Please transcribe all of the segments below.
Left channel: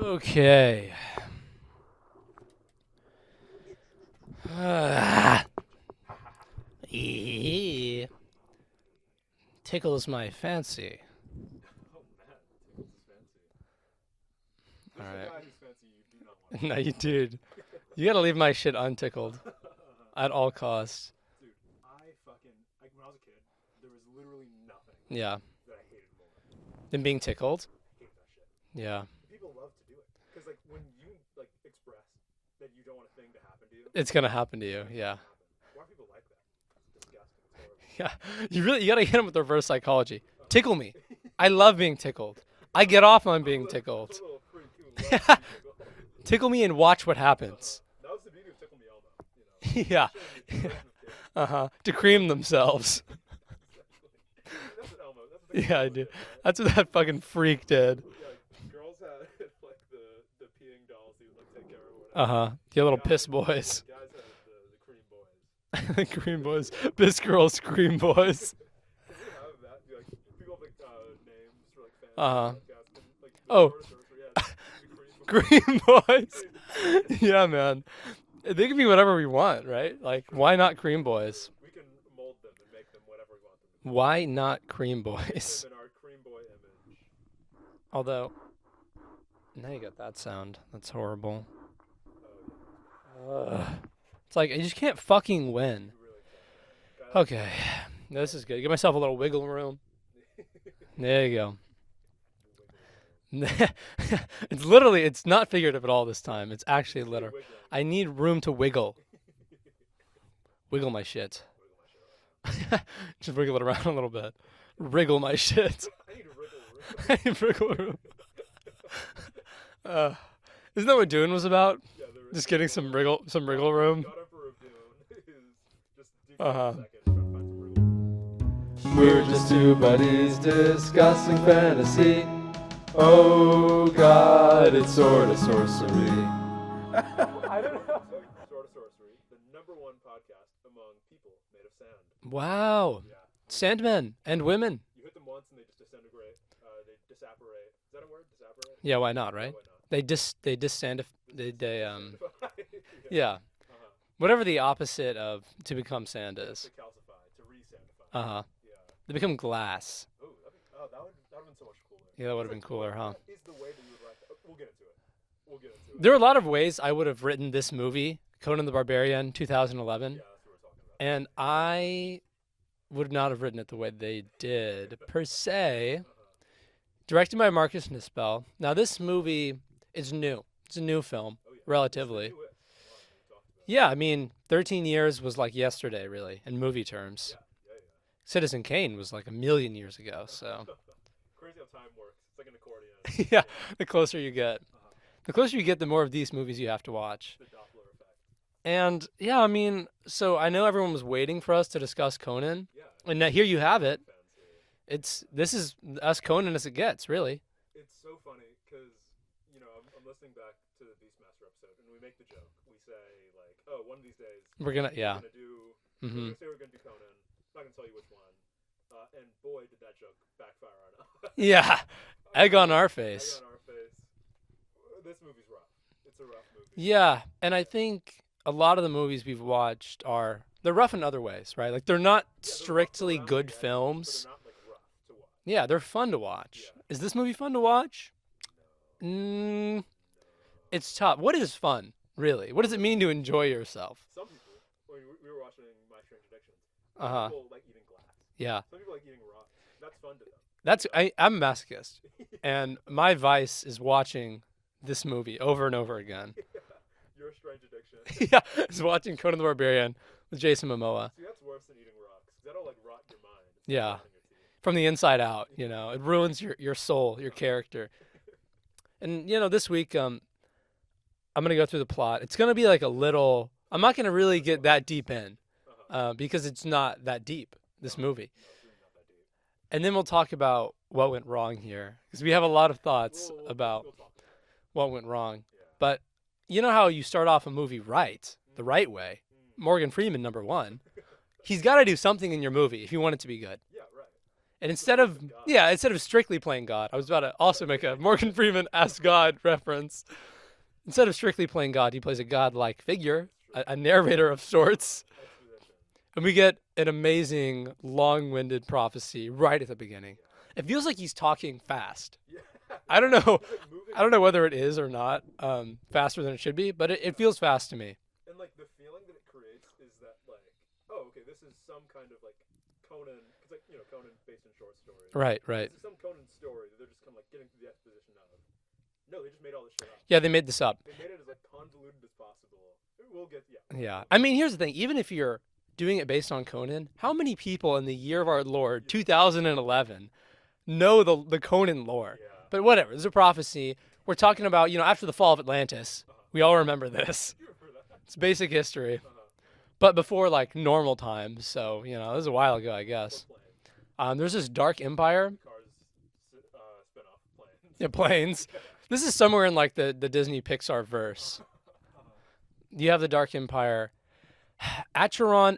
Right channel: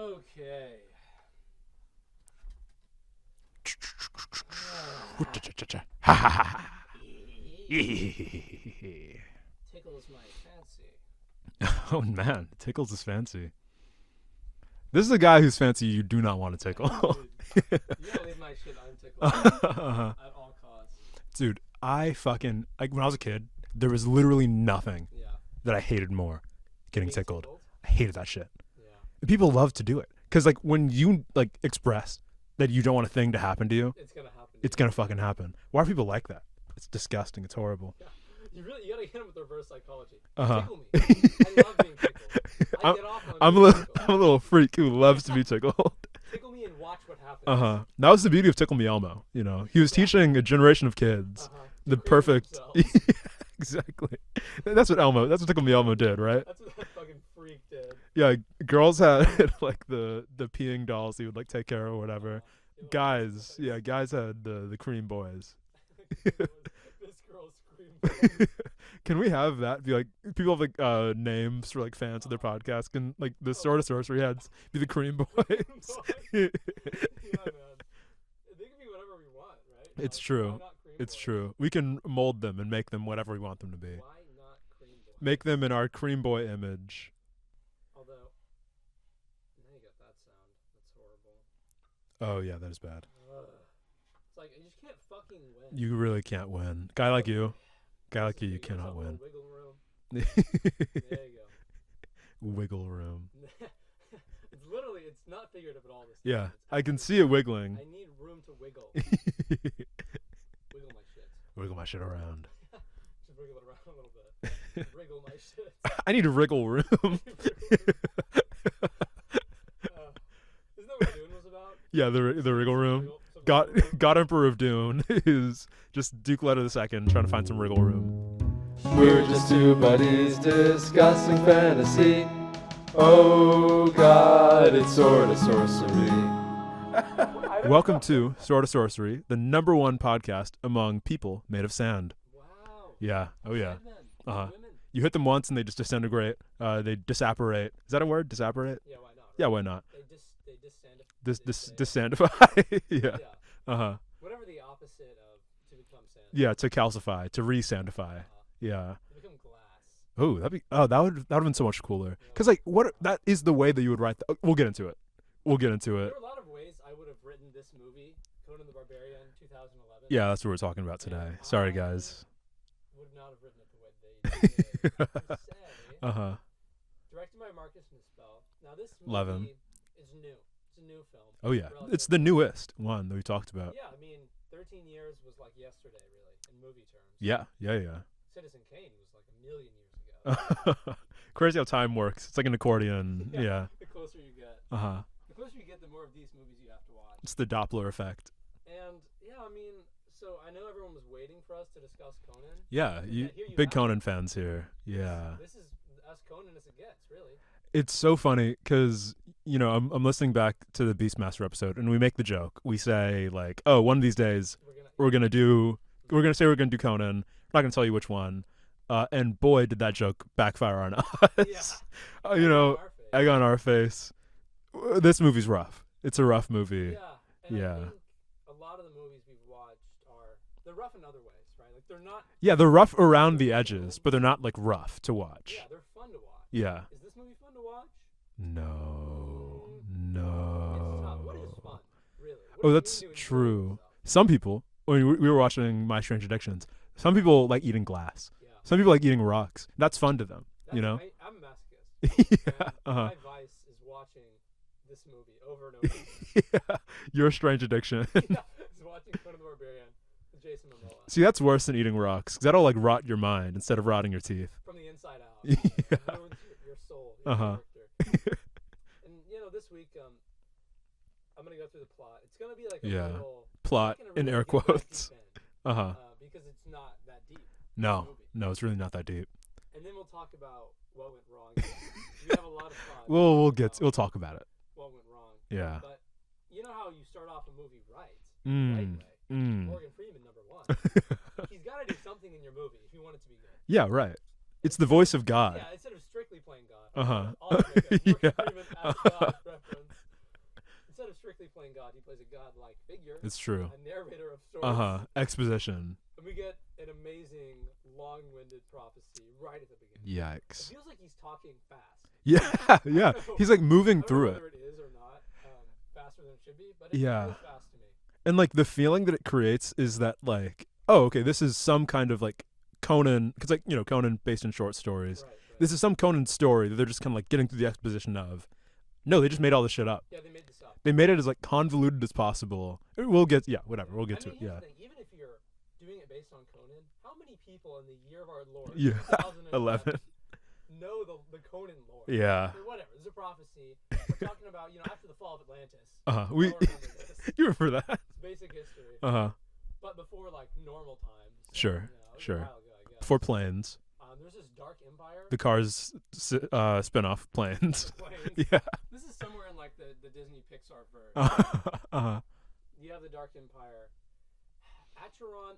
Okay. Tickles my fancy. Oh man, tickles is fancy. This is a guy whose fancy you do not want to tickle. Dude, you gotta leave my shit untickled at all costs. Dude, I fucking when I was a kid, there was literally nothing Yeah. that I hated more And getting being tickled? I hated that shit. Yeah. People love to do it because when you express that you don't want a thing to happen to you, It's gonna happen to you. it's gonna fucking happen. Why are people like that? It's disgusting. It's horrible. Yeah. You gotta hit them with reverse psychology. Uh-huh. Tickle me. I love being tickled. I get off on being tickled. I'm a little freak who loves to be tickled. Tickle me and watch what happens. That was the beauty of Tickle Me Elmo. He was teaching a generation of kids to cream themselves. Exactly. That's what Tickle Me Elmo did, right? That's what that fucking freak did. Yeah, girls had the peeing dolls he would take care of or whatever. The little guys, piss boys. Yeah, guys had the Creamboys. Creamboys. Piss girls, Creamboys. Can we have that be people have names for fans of the podcast? Can the Sorta Sorcery had be the Creamboys? Creamboys. Yeah, man. They can be whatever we want, right? It's true. Why not Creamboys? It's true. We can mold them and make them whatever we want them to be. Why not Creamboys? Make them in our Creamboy image. Although, now you got that sound. That's horrible. Oh yeah, that is bad. It's you just can't fucking win. You really can't win. Guy like you. This is good. Give myself a little wiggle room. There you go. Wiggle room. It's not figurative at all this time. Yeah, It's actually I can see it wiggling. I need room to wiggle. Wiggle my shit. Wiggle my shit around. Just wiggle it around a little bit. Wriggle my shit. I need a wriggle room. Wriggle room. Isn't that what Dune was about? Yeah, the getting wriggle some room. wriggle room. God Emperor of Dune is just Duke Leto the second trying to find some wriggle room. We're just two buddies discussing fantasy. Oh God, it's Sorta Sorcery. Welcome to Sorta Sorcery, the #1 podcast among people made of sand. Wow. Yeah. Oh, yeah. Sandmen and women. You hit them once and they just disintegrate. They disapparate. Is that a word? Disapparate? Yeah, why not, right? Yeah, why not? They disandify. Disandify. Yeah. Yeah. Whatever the opposite of to become sand. Yeah, is. to calcify, to re-sandify. Yeah. They become glass. Oh, that would have been so much cooler. Yeah, because that is the way that you would write. We'll get into it. There are a lot of ways I would have written this movie, Conan the Barbarian, 2011. Yeah, that's what we're talking about today. And Sorry, guys. Would not have written it the way they did, per se. Directed by Marcus Nispel. Now, this movie is new. It's a new film. Oh, yeah. Relatively. It's the newest one that we talked about. Yeah, 13 years was like yesterday, really, in movie terms. Yeah. Citizen Kane was like a million years ago. So. Crazy how time works. It's like an accordion. Yeah. The closer you get. The closer you get, the more of these movies you have to watch. It's the Doppler effect. And, yeah, so I know everyone was waiting for us to discuss Conan. Yeah. And here you have Conan it. fans here. This is as Conan as it gets, really. It's so funny because, I'm listening back to the Beastmaster episode, and we make the joke. We say, one of these days we're gonna say we're gonna do Conan. I'm not gonna tell you which one. And boy, did that joke backfire on us. Yeah. Egg on our face. Egg on our face. This movie's rough. It's a rough movie. Yeah, and I think a lot of the movies we've watched they're rough in other ways, right? They're not. Yeah, they're rough around good the edges, films, but they're not rough to watch. Yeah, they're fun to watch. Yeah. Is this movie fun to watch? No. No. It's tough. What is fun, really? What does it mean to enjoy yourself? Some people, when we were watching My Strange Addictions, some people like eating glass. Yeah. Some people like eating rocks. That's fun to them. I'm a masochist, and my vice is watching this movie over and over again. Yeah. Your strange addiction. Yeah, it's watching Conan the Barbarian with Jason Momoa. See, that's worse than eating rocks, because that'll rot your mind instead of rotting your teeth. From the inside out, it ruins your soul, your character. And this week, I'm gonna go through the plot. It's gonna be like a little. Plot, I'm not gonna really get that quotes. deep in, because it's not that deep. No, this movie. No, it's really not that deep. And then we'll talk about what went wrong here, because we have a lot of thoughts. We'll talk about it. What went wrong? Yeah. But you know how you start off a movie the right way. Morgan Freeman, #1. He's got to do something in your movie if you want it to be good. Yeah, right. And it's the voice of God. Yeah, instead of strictly playing God. I was about to also make a Morgan Freeman Ask God reference. Instead of strictly playing God, he plays a godlike figure. It's true. A narrator of sorts. Exposition. And we get an amazing, long-winded prophecy right at the beginning. Yikes. It feels like he's talking fast. Yeah. I don't know. He's like moving I don't know through whether it is or not faster than it should be, but it feels fast to me. And like the feeling that it creates is that like, oh, okay, this is some kind of like Conan, because like, you know, Conan based in short stories. Right. This is some Conan story that they're just kind of like getting through the exposition of. No, they just made all this shit up. Yeah, they made this up. They made it as like convoluted as possible. We'll get, whatever. Yeah. We'll get I mean, here's the thing. Even if you're doing it based on Conan, how many people in the year of our Lord, 2011, know the Conan lore? Yeah. But whatever. There's a prophecy. We're talking about, you know, after the fall of Atlantis. We all remember this. You remember that? It's basic history. Uh-huh. But before, like, normal times. So, Sure. you know, this is a while ago, I guess. Before planes. There's this dark empire. The Cars spin-off planes. Yeah, planes. Yeah. This is somewhere in, like, the Disney Pixar verse. You have the dark empire. Acheron,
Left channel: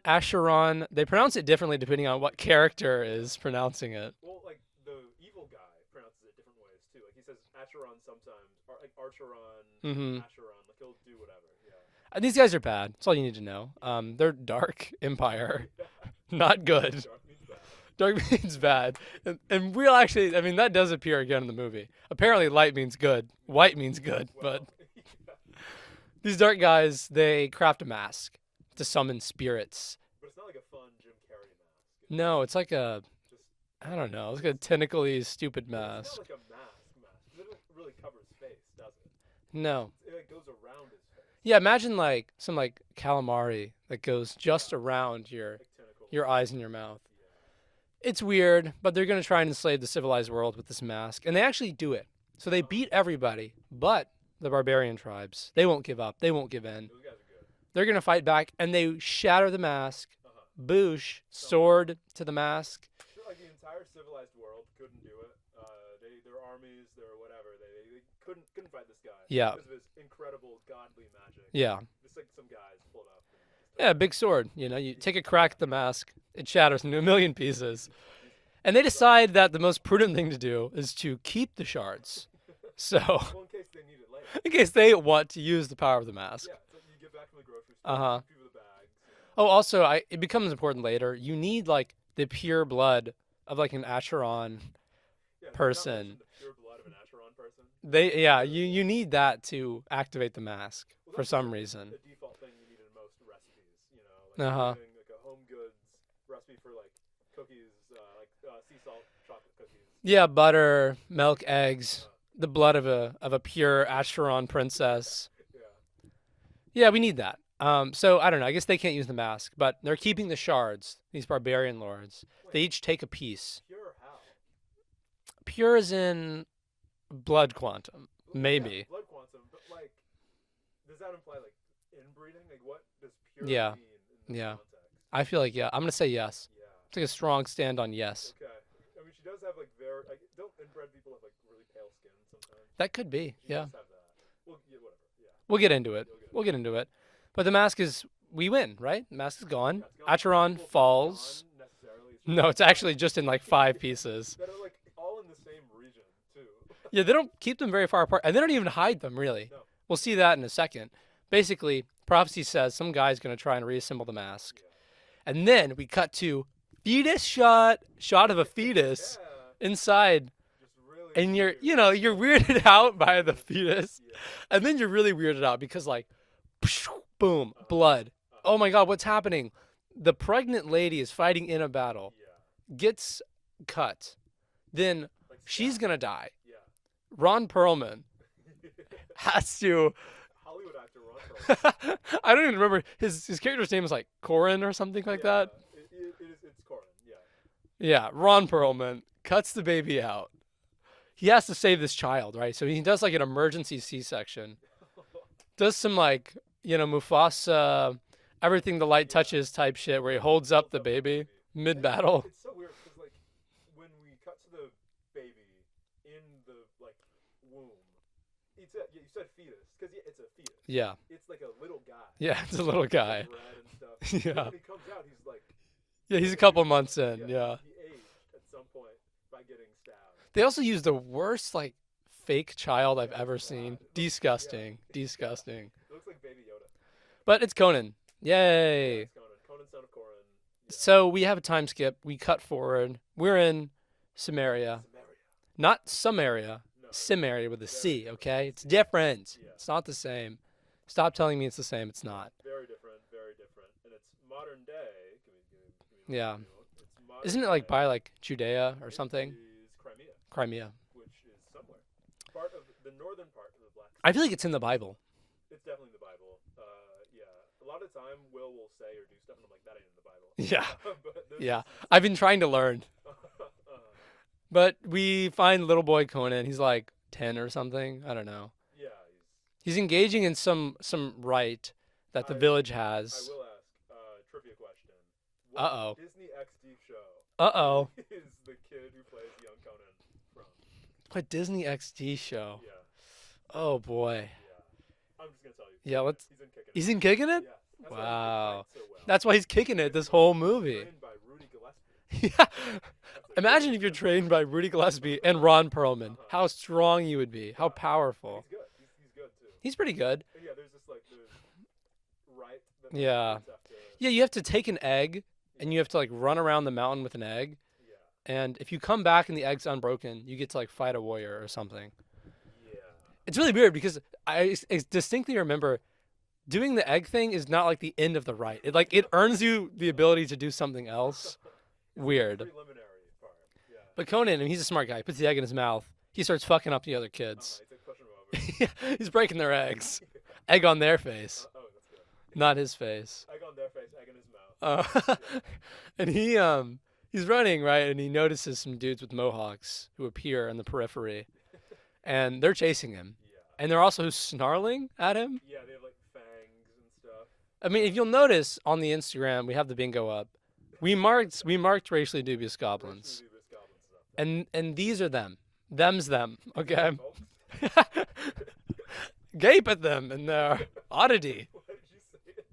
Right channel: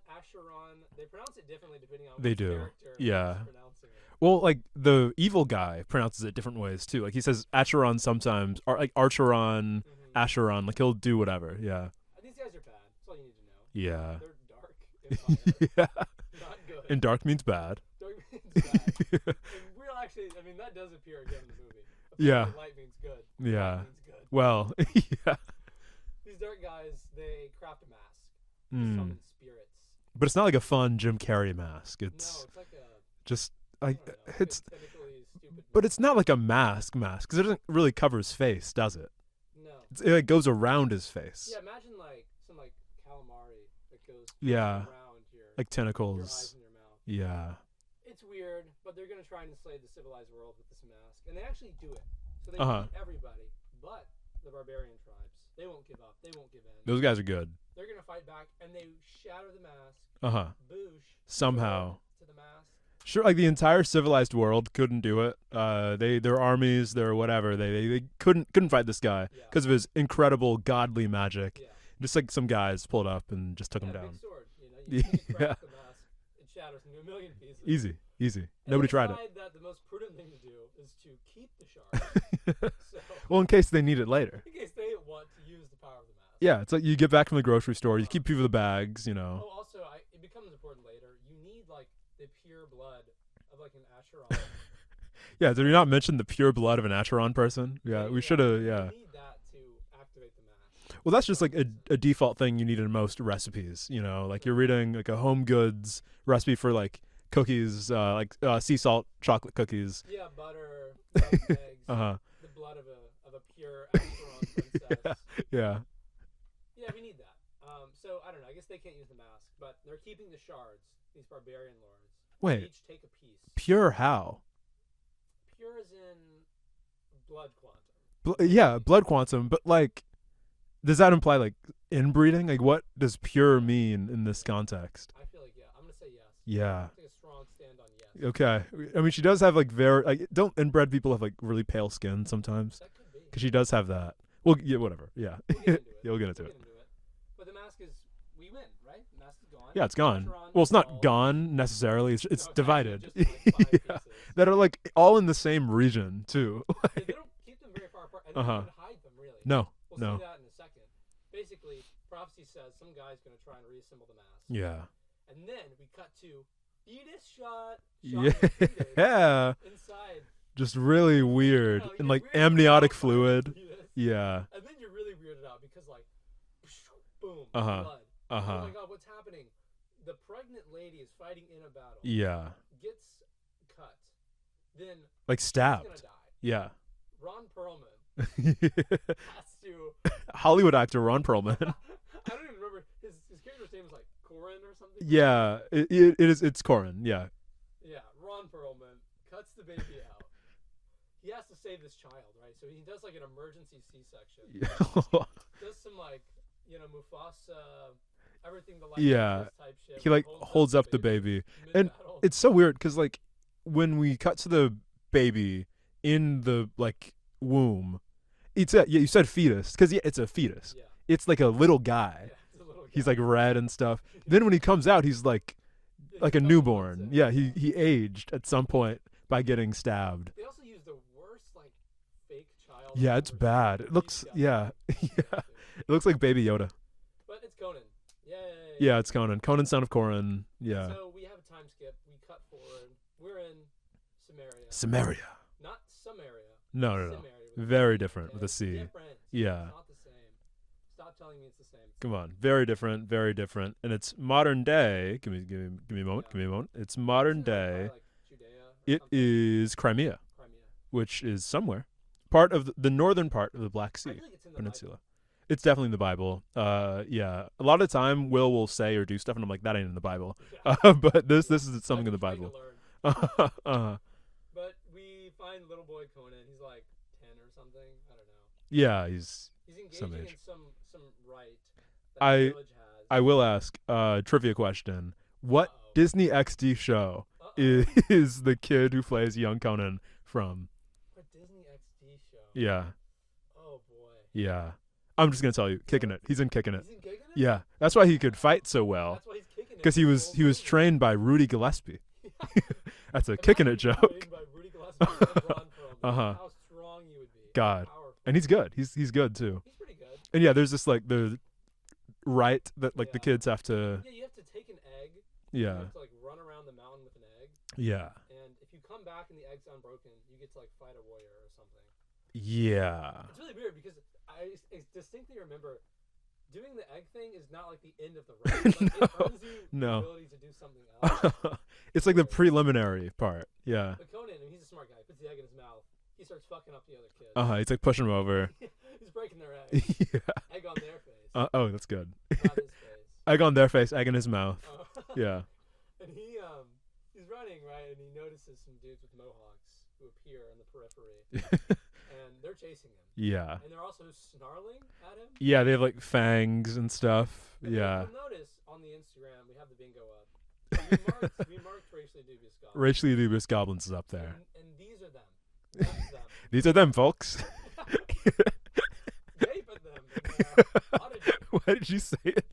they pronounce it differently depending on what character is pronouncing it. Well, like the evil guy pronounces it different ways too. Like he says Acheron sometimes, or like Archeron, Acheron. Like he'll do whatever. Yeah. These guys are bad. That's all you need to know. Yeah. They're dark empire. Not good. And dark means bad. Dark means bad. and we'll actually, I mean, that does appear again in the movie. Apparently light means good. Yeah. White means good. Well, These dark guys, they craft a mask to summon spirits. But it's not like a fun Jim Carrey mask. It's like a just I don't know, like a tentacly stupid mask. But it's not like a mask because it doesn't really cover his face, does it? No. It like goes around his face. Yeah, imagine like some like calamari that goes just around your like tentacles, your eyes and your mouth. Yeah. It's weird, but they're gonna try and enslave the civilized world with this mask, and they actually do it. So they beat everybody, but the barbarian tribes, they won't give up. They won't give in. Those guys are good. They're going to fight back, and they shatter the mask. Boosh, somehow. Sword to the mask. Sure, like the entire civilized world couldn't do it. Their armies, their whatever, they couldn't fight this guy. Yeah. Because of his incredible godly magic. Yeah. Just like some guys pulled up and just took it Yeah, down. big sword. You know, you take a crack at the mask, it shatters into a million pieces. Easy. And they decide that the most prudent thing to do is to keep the shards. Well, in case they need it later. In case they want to use the power of the mask. Yeah, it's like you get back from the grocery store, you keep people the bags, you know. Oh, also, it becomes important later. You need like the pure blood of like an Acheron. Yeah, did we not mention the pure blood of an Acheron person? You need that to activate the mask. Well, that's just like a default thing you need in most recipes, you know, like you're reading like a home goods recipe for like cookies, like sea salt chocolate cookies. Yeah, butter, milk, eggs, the blood of a pure Acheron princess. Yeah. Yeah, we need that. So I don't know. I guess they can't use the mask, but they're keeping the shards. These barbarian lords. Wait, they each take a piece. Pure how? Pure as in blood quantum. Yeah, blood quantum. But like, does that imply like inbreeding? Like, what does pure mean in this context? I feel like I'm gonna say yes. Yeah, it's like a strong stand on yes. Okay, I mean she does have like very like don't inbred people have like really pale skin sometimes? That could be because she does have that. Well, yeah, whatever. Yeah, we'll get into it. We'll get into it. But the mask is. We win, right? The mask is gone. Yeah, it's gone. Acheron well, it's falls. not gone necessarily. It's actually just in like 5 pieces. That are like all in the same region, too. Yeah, they don't keep them very far apart. And they don't even hide them, really. No. We'll see that in a second. Basically, prophecy says some guy's going to try and reassemble the mask. Yeah. And then we cut to fetus shot of a fetus inside. Just really weird. You're like weirded out by the fetus. Yeah. And then you're really weirded out because like, boom, blood. Oh my God, what's happening? The pregnant lady is fighting in a battle. Yeah. Gets cut. Then like stabbed. She's going to die. Yeah. Ron Perlman has to. Hollywood actor Ron Perlman. I don't even remember his character's name is like Corin or something like that. Yeah, it's Corin. Yeah. Yeah, Ron Perlman cuts the baby out. He has to save this child, right? So he does like an emergency C-section. Does some like Mufasa, everything the light touches type shit, where he holds up the baby mid-battle. It's so weird because like when we cut to the baby in the like womb, you said fetus because it's a fetus. Yeah, it's like a little guy. Yeah, it's a little guy. He's like red and stuff. Then when he comes out, he's like Yeah, he's like a couple newborn. months in. Yeah, he aged at some point by getting stabbed. They also use the worst like fake child I've ever it's bad. seen. It looks, Disgusting. Disgusting. It looks like Baby Yoda. But it's Conan. Yay. Yeah, it's Conan. Conan, son of Corin. Yeah. So we have a time skip. We cut forward. We're in Samaria. Not Samaria. No. Samaria with a Very C, different. okay? The It's C. different. Yeah. It's not the same. Stop telling me it's the same. It's Come not. on. Very different. Very different. And it's modern day. Give me a moment. Yeah. Give me a moment. It's modern Isn't it day. like by like Judea or something? It is Crimea, Crimea. which is somewhere. Part of the northern part of the Black Sea. I feel like it's in the Peninsula. Bible. It's definitely in the Bible. Yeah. A lot of the time, will say or do stuff, and I'm like, that ain't in the Bible. Yeah. But this Yeah. is. I've been trying to learn. Uh-huh. But we find little boy Conan. He's like 10 or something. I don't know. Yeah, He's engaging in some rite that the village has. I will ask trivia question. What Uh-oh. Disney XD show is the kid who plays young Conan from? What Disney XD show? Yeah. Oh boy. Yeah. I'm just gonna tell you, Yeah, Kicking It. He's in Kicking It. He's in Kicking It? Yeah, that's why he could Wow. fight so well. That's why he's kicking it. Because This he whole was movie. trained by Rudy Gillespie. Yeah. That's a Kicking Imagine It if you're joke. trained by Rudy Gillespie and Ron Perlman. Uh-huh. How strong you would be. God. How powerful. And he's good. He's good too. He's pretty good. And yeah, there's this like the rite that like Yeah. the kids have to. Yeah, you have to take an egg Yeah. and you have to like run around the mountain with an egg. Yeah. And if you come back and the egg's unbroken, you get to like fight a warrior or something. Yeah. It's really weird because I distinctly remember doing the egg thing is not like the end of the rite. Like it earns you the No. ability to do something else. It's like the Weird. preliminary part. Yeah. But Conan, I mean, he's a smart guy. He puts the egg in his mouth. He starts fucking up the other kids. He's like pushing him over. Yeah, he's breaking their eggs. Yeah. Egg on their face, Oh, that's good. not his face. Egg on their face, egg in his mouth. Yeah. And he's running, right, and he notices some dudes with mohawks who appear in the periphery, and they're chasing him. Yeah. And they're also snarling at him. Yeah, they have like fangs and stuff. I mean, yeah. if you'll notice on the Instagram, we have the bingo up. We marked racially dubious goblins. Racially dubious goblins is up there. And these are them. Them's them. These Okay, are them, I'm- folks. Gape at them and their oddity. Why did you say it?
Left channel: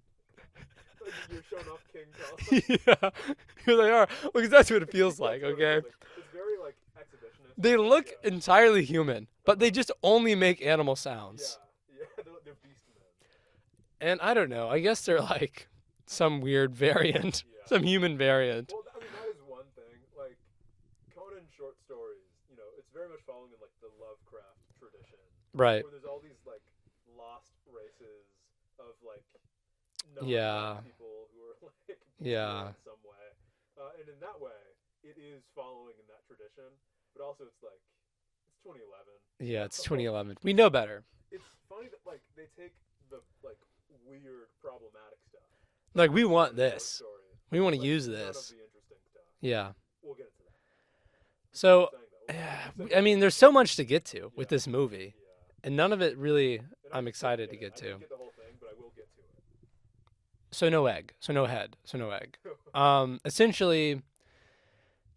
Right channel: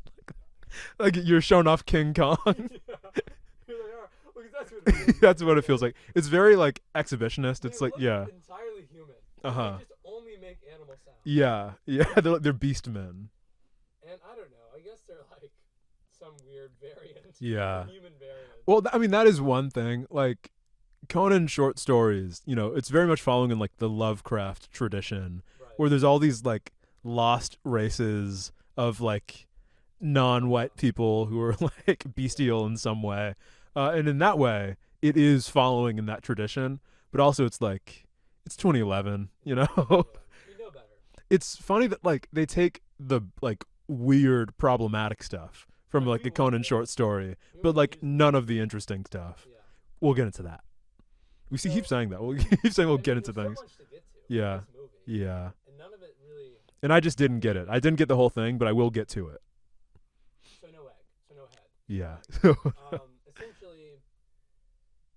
Like you're showing off King Kong. Yeah, here they are. Because that's what it feels like. That's what it okay? feels like. It's very like exhibitionist. They it's look like, yeah. entirely human, but they Uh-huh. just only make animal sounds. Yeah, they're beast men. And I don't know. I guess they're like some weird variant. Yeah. Some human variant. Well, I mean that is one thing. Like Conan short stories, it's very much following in like the Lovecraft tradition, Right. where there's all these like lost races of like non-white Yeah. people who are like bestial Yeah. in some way, and in that way, it is following in that tradition. But also, it's like it's 2011. Yeah, it's 2011. We know better. It's funny that like they take the like weird problematic stuff from Like, like we the want Conan short this. story, We but want to like use none this. of the interesting stuff. Yeah. We'll get into that. We So, keep saying that. We'll keep saying we'll I get mean, into there's so things. much to get to Yeah. with this movie. Yeah, And none of it really. and I I'm just didn't excited get to it. get I to. didn't get the whole thing, but I will get to it. So no egg. So no head. So no Yeah. egg. Essentially,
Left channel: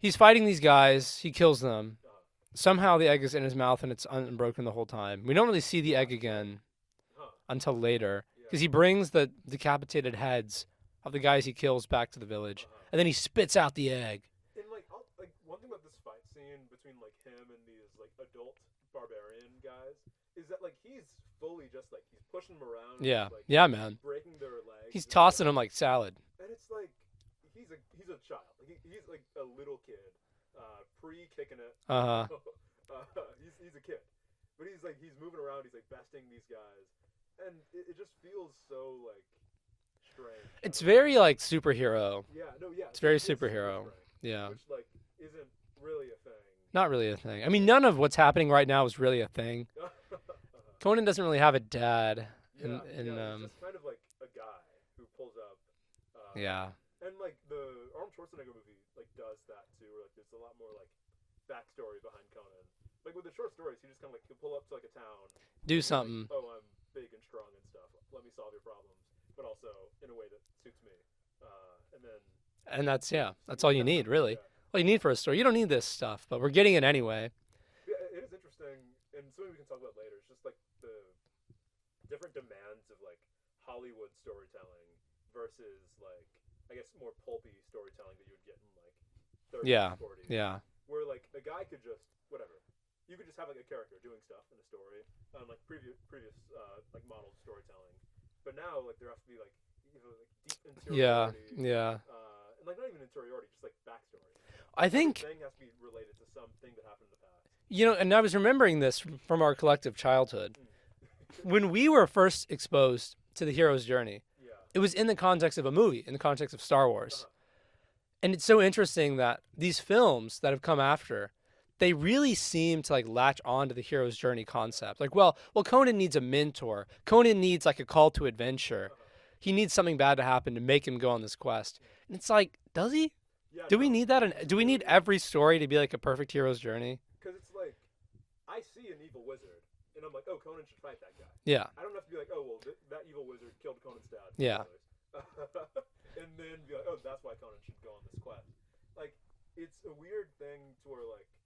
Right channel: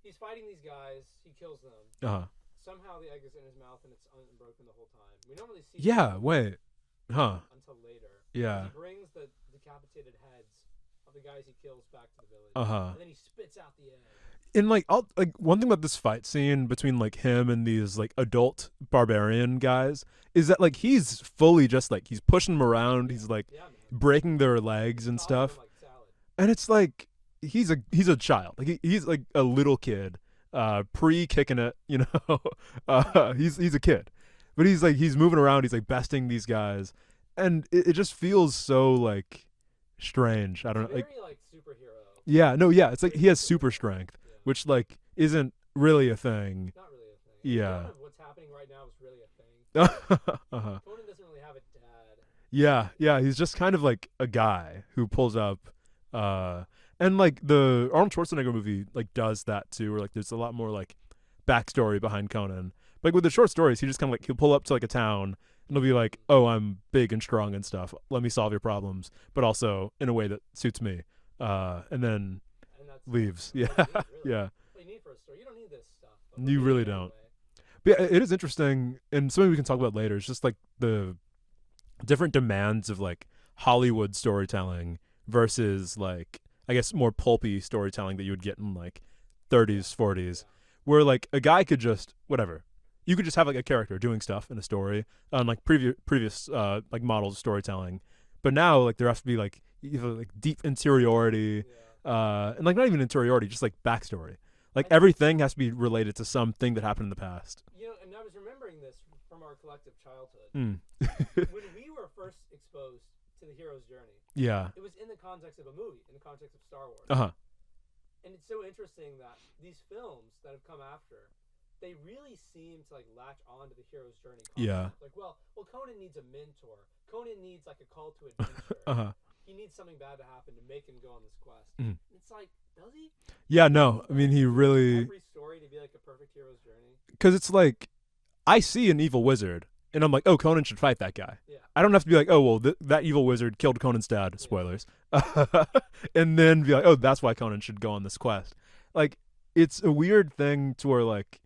he's fighting these guys. He kills them. Uh-huh. Somehow the egg is in his mouth and it's unbroken the whole time. We don't really see the Yeah, egg again wait. Huh. until later. Yeah. Because he brings the decapitated heads of the guys he kills back to the village. Uh-huh. And then he spits out the egg. And like one thing about this fight scene between like him and these like adult barbarian guys is that like he's fully just like he's pushing them around, Yeah. he's like Yeah, man. breaking their legs He's and tossing stuff. them like salad. And it's like he's a child. Like he's like a little kid, pre-kicking it, you know. He's a kid. But he's moving around, he's like besting these guys. And it just feels so like strange. I It's don't very like superhero. Yeah, no, yeah. It's very like he has super superhero. strength, Yeah. which like isn't really a thing. Not really a thing. I mean, Yeah. none of what's happening right now is really a thing. Uh-huh. Conan doesn't really have a dad. Yeah, in yeah. the- He's just kind of like a guy who pulls up. Yeah. And like the Arnold Schwarzenegger movie like does that too, where like there's a lot more like backstory behind Conan. Like with the short stories, he just kind of like he'll pull up to like a town. Do He'll be like, something. "Oh, I'm big and strong and stuff. Let me solve your problems, but also in a way that suits me." And then And that's leaves. that's all you need, really. yeah. All you need for a story. You don't need this stuff, but we're You getting really it don't. anyway. But yeah, it is interesting, and something we can talk about later. It's just like the different demands of like Hollywood storytelling versus like I guess, more pulpy storytelling that you would get in like 30s, 40s. Yeah. Where like a guy could just whatever. You could just have like a character doing stuff in a story on like previous like models of storytelling. But now like there has to be like either like deep interiority, and like not even interiority, just like backstory. Like everything has to be related to something that happened in the past. You know, and I was remembering this from our collective childhood. When we were first exposed to the hero's journey, it was in the context of a movie, in the context of Star Wars. And it's so interesting that these films that have come after, they really seem to like latch on to the hero's journey concept. Like, well, Conan needs a mentor. Conan needs like a call to adventure. He needs something bad to happen to make him go on this quest. And it's like, does he? Yeah, do no. we need that? I mean, do we need every story to be like a perfect hero's journey? Because it's like, I see an evil wizard, and I'm like, oh, Conan should fight that guy. Yeah. I don't have to be like, oh, well, that evil wizard killed Conan's dad. Spoilers. And then be like, oh, that's why Conan should go on this quest. Like, it's a weird thing to where, like,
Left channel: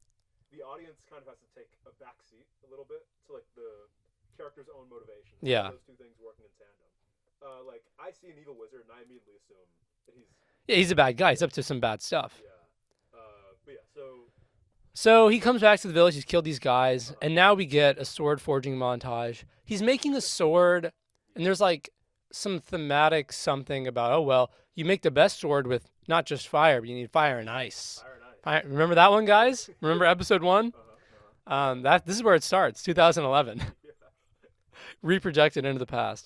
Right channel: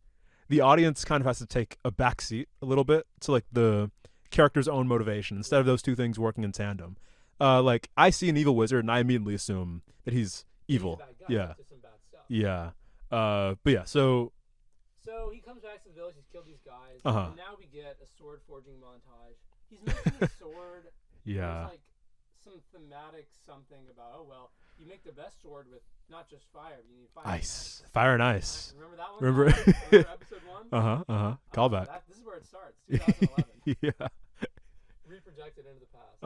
the audience kind of has to take a backseat a little bit to, like, the character's own motivation instead of those two things working in tandem. Like, I see an evil wizard, and I immediately assume that he's evil. He's a bad guy. He's up to some bad stuff. Yeah. But yeah, so he comes back to the village. He's killed these guys, and now we get a sword forging montage. He's making a sword, and there's like some thematic something about, oh, well, you make the best sword with not just fire, but you need fire and ice. Fire and ice. Remember that one, guys? Remember episode 1? This is where it starts, 2011. Reprojected into the past.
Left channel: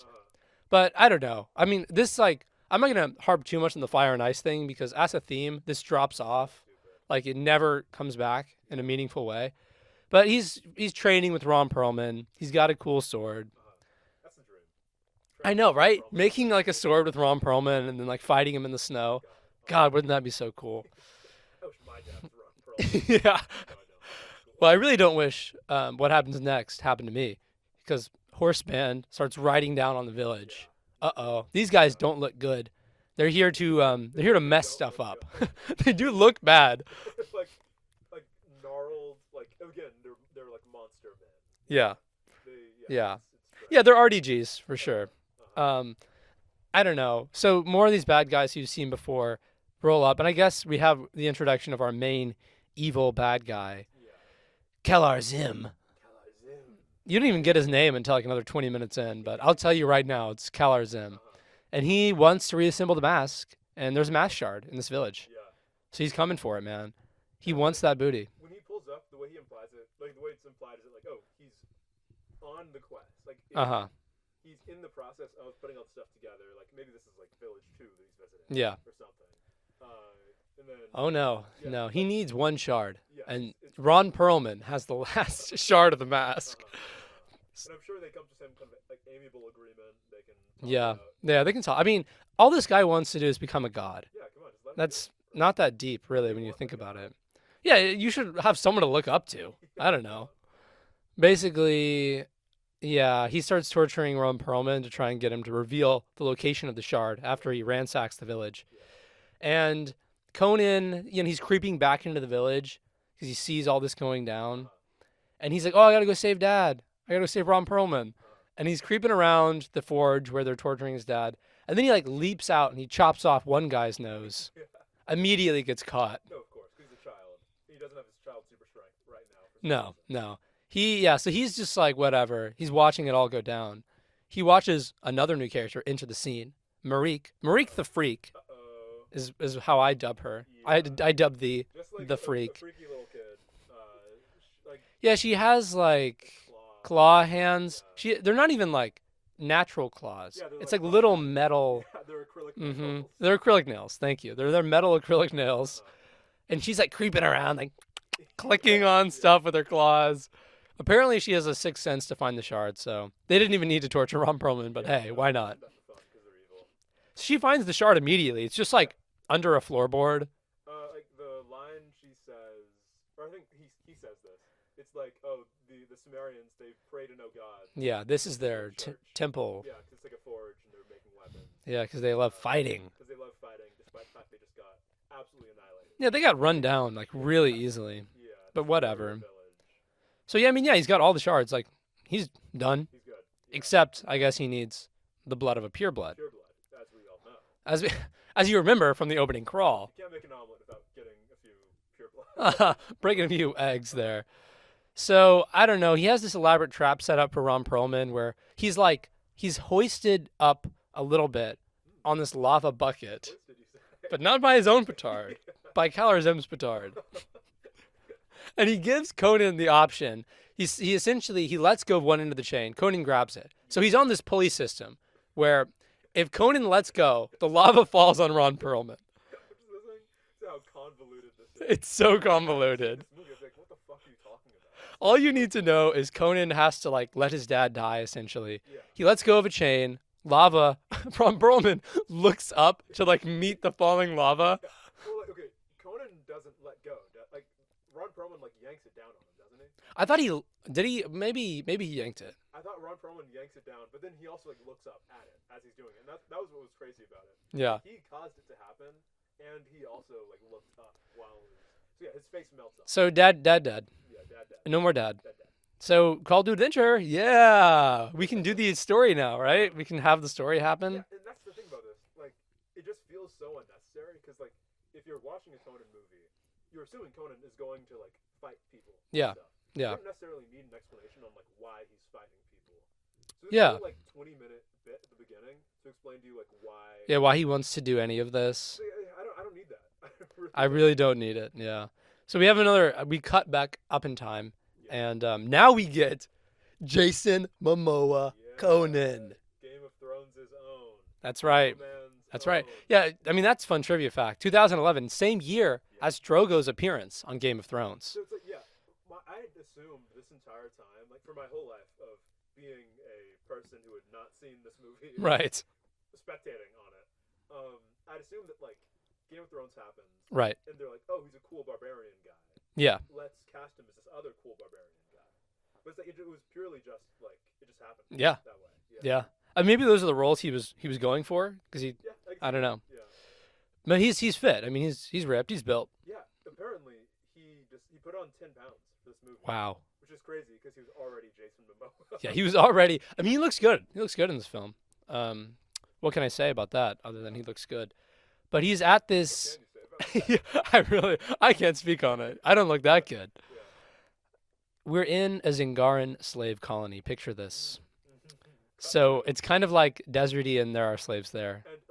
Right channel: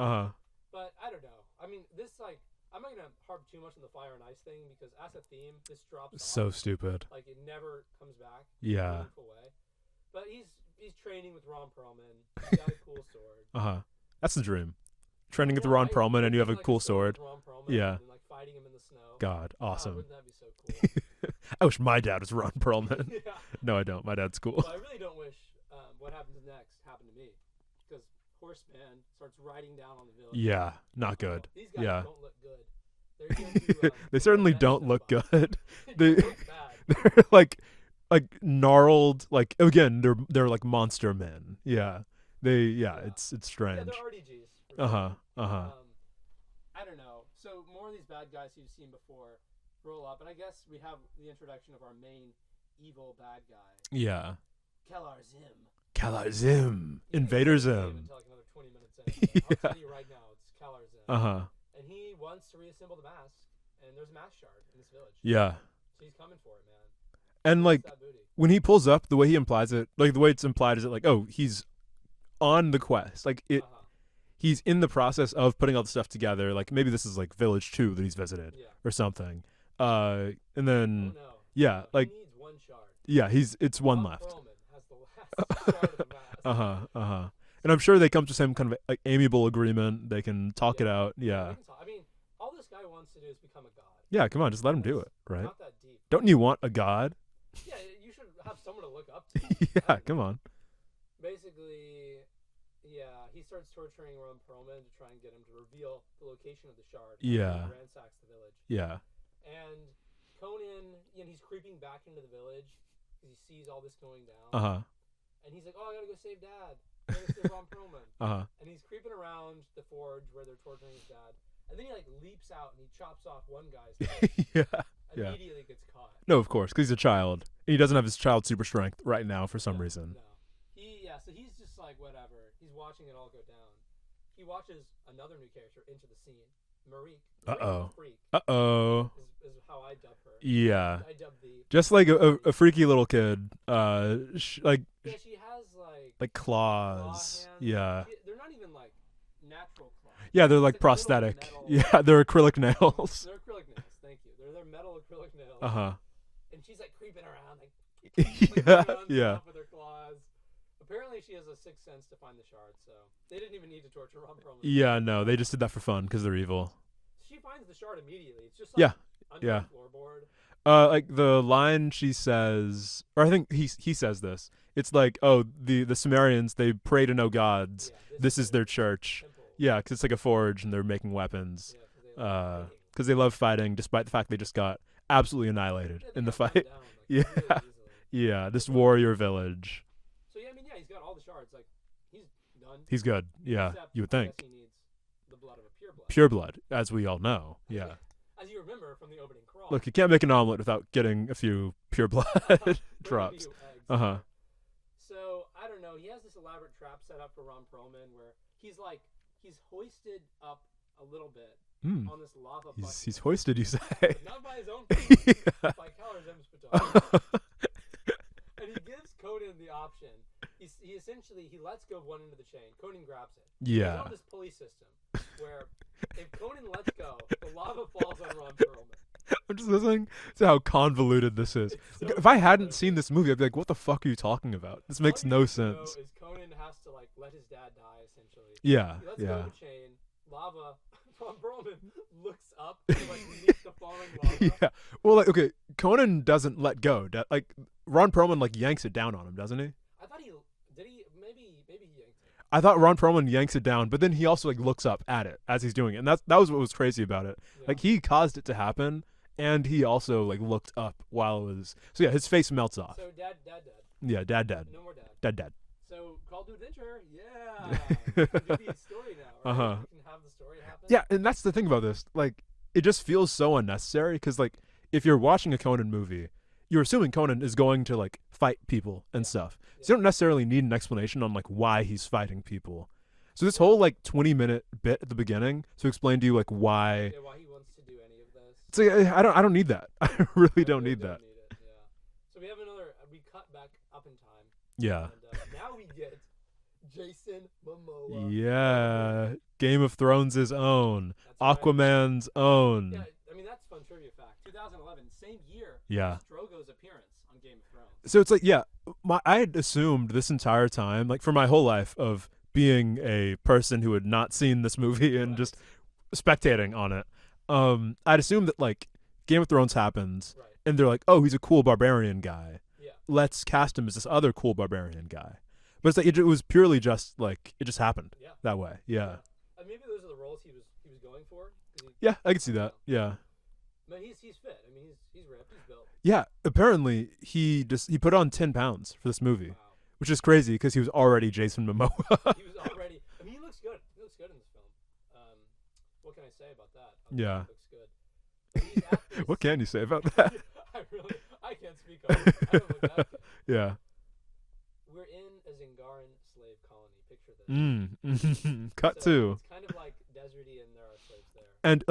But I don't know. I mean, this like, I'm not going to harp too much on the fire and ice thing because as a theme, this drops off. So stupid. Like it never comes back in a meaningful way. But he's training with Ron Perlman. He's got a cool sword. That's the dream. Training I know, with Ron right? Perlman Making and you have like a cool sword with Ron Perlman and then like fighting him in the snow. God, awesome. God, wouldn't that be so cool? I wish my dad was Ron Perlman. Yeah. No, I don't. My dad's cool. But I really don't wish what happens next happened to me because Horse Band starts riding down on the village. Yeah, not good. These guys don't look good. They're here to they they're certainly here to mess don't stuff look up. good. They do look bad. They're like gnarled. Like again, they're like monster men. Yeah. It's strange. Yeah, they're RDGs for sure. I don't know. So more of these bad guys you've seen before roll up, and I guess we have the introduction of our main evil bad guy. Yeah. Kalar Zim. Kalar Zim. You didn't even get his name until like another 20 minutes in, but I'll tell you right now, it's Kalar Zim. And he wants to reassemble the mask, and there's a mask shard in this village. Yeah. So he's coming for it, man. He and wants like, that booty. When he pulls up, the way he implies it, like the way it's implied is that like, oh, he's on the quest. Like he's in the process of putting all the stuff together. Like maybe this is like Village 2 that he's visited. Yeah. Or something. And then oh no. Yeah. No, like, he needs one shard. Yeah, it's Ron Perlman has the last shard of the mask. And I'm sure they come to some kind of like amiable agreement. They can talk it out. Yeah, they can talk. I mean, all this guy wants to do is become a god. Yeah, come on, just let him do it. Right? Not that deep. Really, don't you want a god? Yeah, you should have someone to look up to. I don't know. Come on. Basically, yeah, he starts torturing Ron Perlman to try and get him to reveal the location of the shard after he ransacks the village. Yeah. And Conan, he's creeping back into the village because he sees all this going down. And he's like, oh, I got to go save Dad. I got to go save Ron Perlman. And he's creeping around the forge where they're torturing his dad. And then he like leaps out and he chops off one guy's nose. Immediately gets caught. No, of course, because he's a child. He doesn't have his child super strength right now for some reason. No. So he's just like, whatever. He's watching it all go down. He watches another new character enter the scene. Marique the Freak. Is how I dub her. Yeah. I dub just like a freaky little kid. She has like claws. Claw hands. Yeah. They're not even like natural claws. Yeah, they're like prosthetic. Little metal. Yeah, they're acrylic nails. They're acrylic nails. Thank you. They're metal acrylic nails. And she's like creeping around, like clicking on stuff with her claws. Apparently, she has a sixth sense to find the shard, so they didn't even need to torture Ron Perlman. Yeah, no, they just did that for fun because they're evil. She finds the shard immediately. It's just like under a floorboard. Like the line she says, or I think he says this. It's like, oh, the Sumerians, they pray to no gods. Yeah, this is their church. Temple. Yeah, because it's like a forge and they're making weapons. Yeah, because they love fighting. Because they love fighting, despite the fact they just got absolutely annihilated. Yeah, they got run down like really easily. Yeah, this warrior village. So yeah, I mean, he's got all the shards. Like, he's done. He's good. Yeah. Except, I guess he needs the blood of a pureblood. Pureblood, as we all know. As as you remember from the opening crawl. Look, you can't make an omelet without getting a few pure blood. Bringing a drops. few eggs there. So, I don't know. He has this elaborate trap set up for Ron Perlman where he's hoisted up a little bit on this lava bucket. He's hoisted, you say. But not by his own petard, by Calorzem's petard. And he gives Conan the option. He essentially lets go of one end of the chain. Conan grabs it. Yeah. So he's on this pulley system where if Conan lets go, the lava falls on Ron Perlman. I'm just listening to how convoluted this is. It's so if convoluted. I hadn't seen this movie, I'd be like, what the fuck are you talking about? This makes All you no need sense. to know is Conan has to let his dad die, essentially. Yeah. He lets go of a chain. Lava. Ron Perlman looks up to meet the falling lava. Yeah. Well, okay, Conan doesn't let go. Ron Perlman yanks it down on him, doesn't he? I thought maybe he yanked it. I thought Ron Perlman yanks it down, but then he also looks up at it as he's doing it, and that was what was crazy about it. Yeah. He caused it to happen, and he also looked up while it was. So yeah, his face melts off. So dad. Yeah, dad. No more dad. Dad. So Call to Adventure, yeah, we can do the story now, right? We can have the story happen. Yeah, and that's the thing about this. It just feels so unnecessary because if you're watching a Conan movie, you're assuming Conan is going to fight people and stuff. Yeah. So you don't necessarily need an explanation on why he's fighting people. So this Yeah. whole 20-minute bit at the beginning to explain to you why. Yeah, why he wants to do any of this. So I don't need that. I really don't need it. Yeah. So we cut back up in time. Yeah. And now we get Jason Momoa. Yeah. Conan. Game of Thrones' own. That's right. Aquaman's That's own. right. Yeah, I mean that's fun trivia fact. 2011, same year as Drogo's appearance on Game of Thrones. So it's I had assumed this entire time, for my whole life of being a person who had not seen this movie and just spectating on it, I'd assumed that Game of Thrones happens, right? And they're like, oh, he's a cool barbarian guy. Yeah. Let's cast him as this other cool barbarian guy. But it's it was purely just it just happened. Yeah. That way. Yeah. Yeah. Maybe those are the roles he was going for because he. Yeah, I can see that. I don't know. Yeah. But he's fit. I mean, he's ripped. He's built. Yeah. Apparently, he put on 10 pounds for this movie. Wow. Which is crazy because he was already Jason Momoa. Yeah, he was already. I mean, he looks good. He looks good in this film. What can I say about that? Other than he looks good. But he's at this. What can you say about that? I can't speak on it. I don't look that good. Yeah. We're in a Zingaran slave colony. Picture this. Cut so to. it's kind of deserty, and there are slaves there. And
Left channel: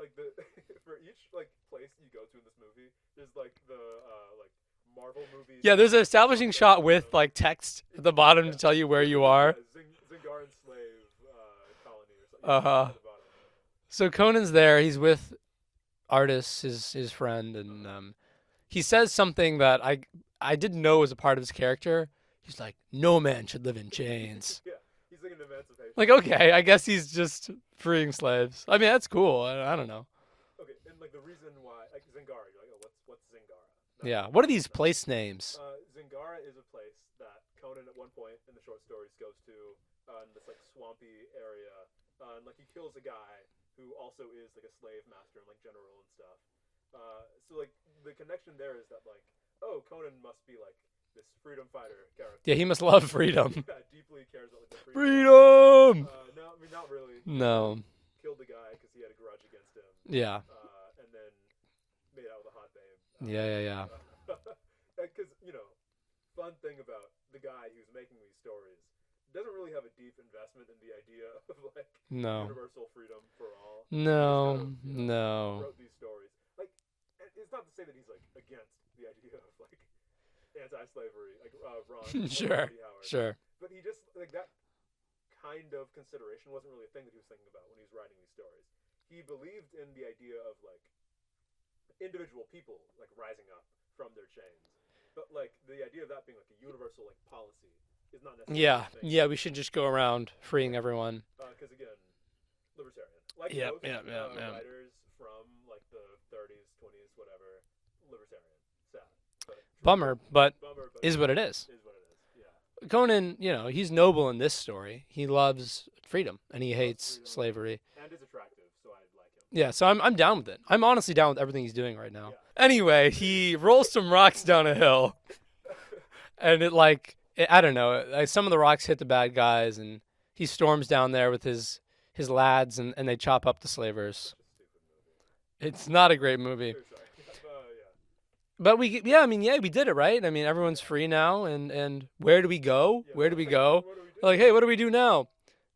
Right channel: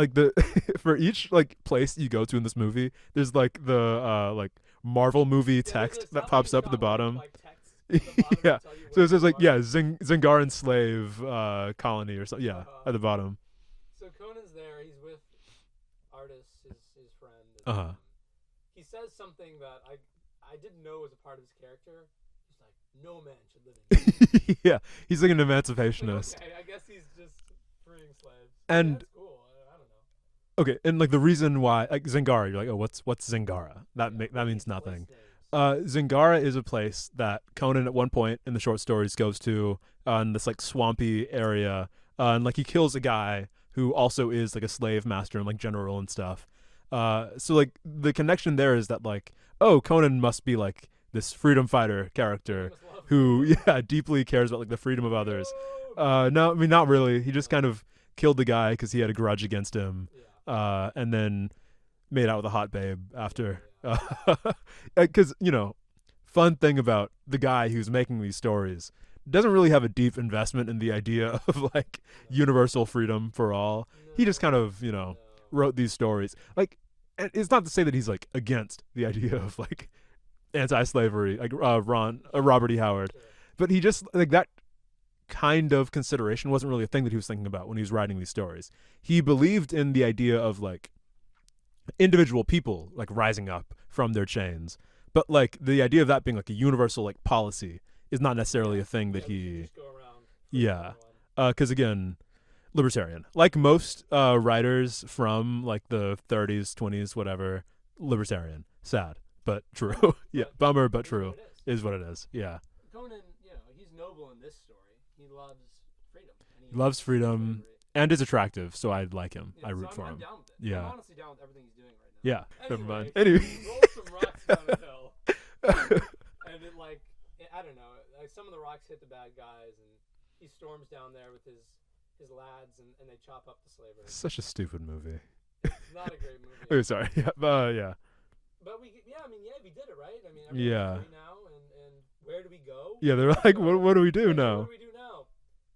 for each place you go to in this movie, there's the Marvel movie. Yeah, there's an establishing shot with text at the bottom to tell you where you are. Zingaran slave colony or something. Yeah, at the bottom. So Conan's there. He's with Artis, his friend, and he says something that I didn't know was a part of his character. He's like, no man should live in chains. Yeah, he's an emancipation. Okay, I guess he's just freeing slaves. I mean, that's cool. I don't know. Okay, and the reason why Zingara, you're like, oh, what's Zingara? What are these place names? Zingara is a place that Conan at one point in the short stories goes to in this swampy area, and he kills a guy who also is a slave master and general and stuff. So the connection there is that Conan must be this freedom fighter character. Yeah, he must love freedom. Yeah, deeply cares about the freedom of others. No, I mean not really. He just kind of killed the guy because he had a grudge against him. Yeah. And then made out with a hot babe after. Yeah. Because fun thing about the guy who's making these stories doesn't really have a deep investment in the idea of universal freedom for all. No. He just kind of wrote these stories. It's not to say that he's against the idea of anti-slavery, Robert E. Howard. Sure. But he just that kind of consideration wasn't really a thing that he was thinking about when he was writing these stories. He believed in the idea of individual people rising up from their chains, but the idea of that being a universal policy is not necessarily a thing. Yeah, we should just go around freeing everyone. Because again, libertarian. Most writers from the 30s, 20s, whatever, libertarian. Sad. But true. Bummer, but bummer, but is true. what it is. Is what it is. Yeah. Conan, he's noble in this story. He loves freedom and he hates slavery and is attractive, so I like him. Yeah, so I'm down with it. Yeah. I'm honestly down with everything he's doing right now. Yeah. Anyway, he rolls some rocks down a hill, and I don't know. Some of the rocks hit the bad guys, and he storms down there with his lads, and they chop up the slavers. Such a stupid movie. It's not a great movie. Oh, sorry. Yeah. But we did it, right? I mean, everyone's free now, and where do we go? Yeah, where they're do we like, go? what do we do Like, now? hey, what do we do now?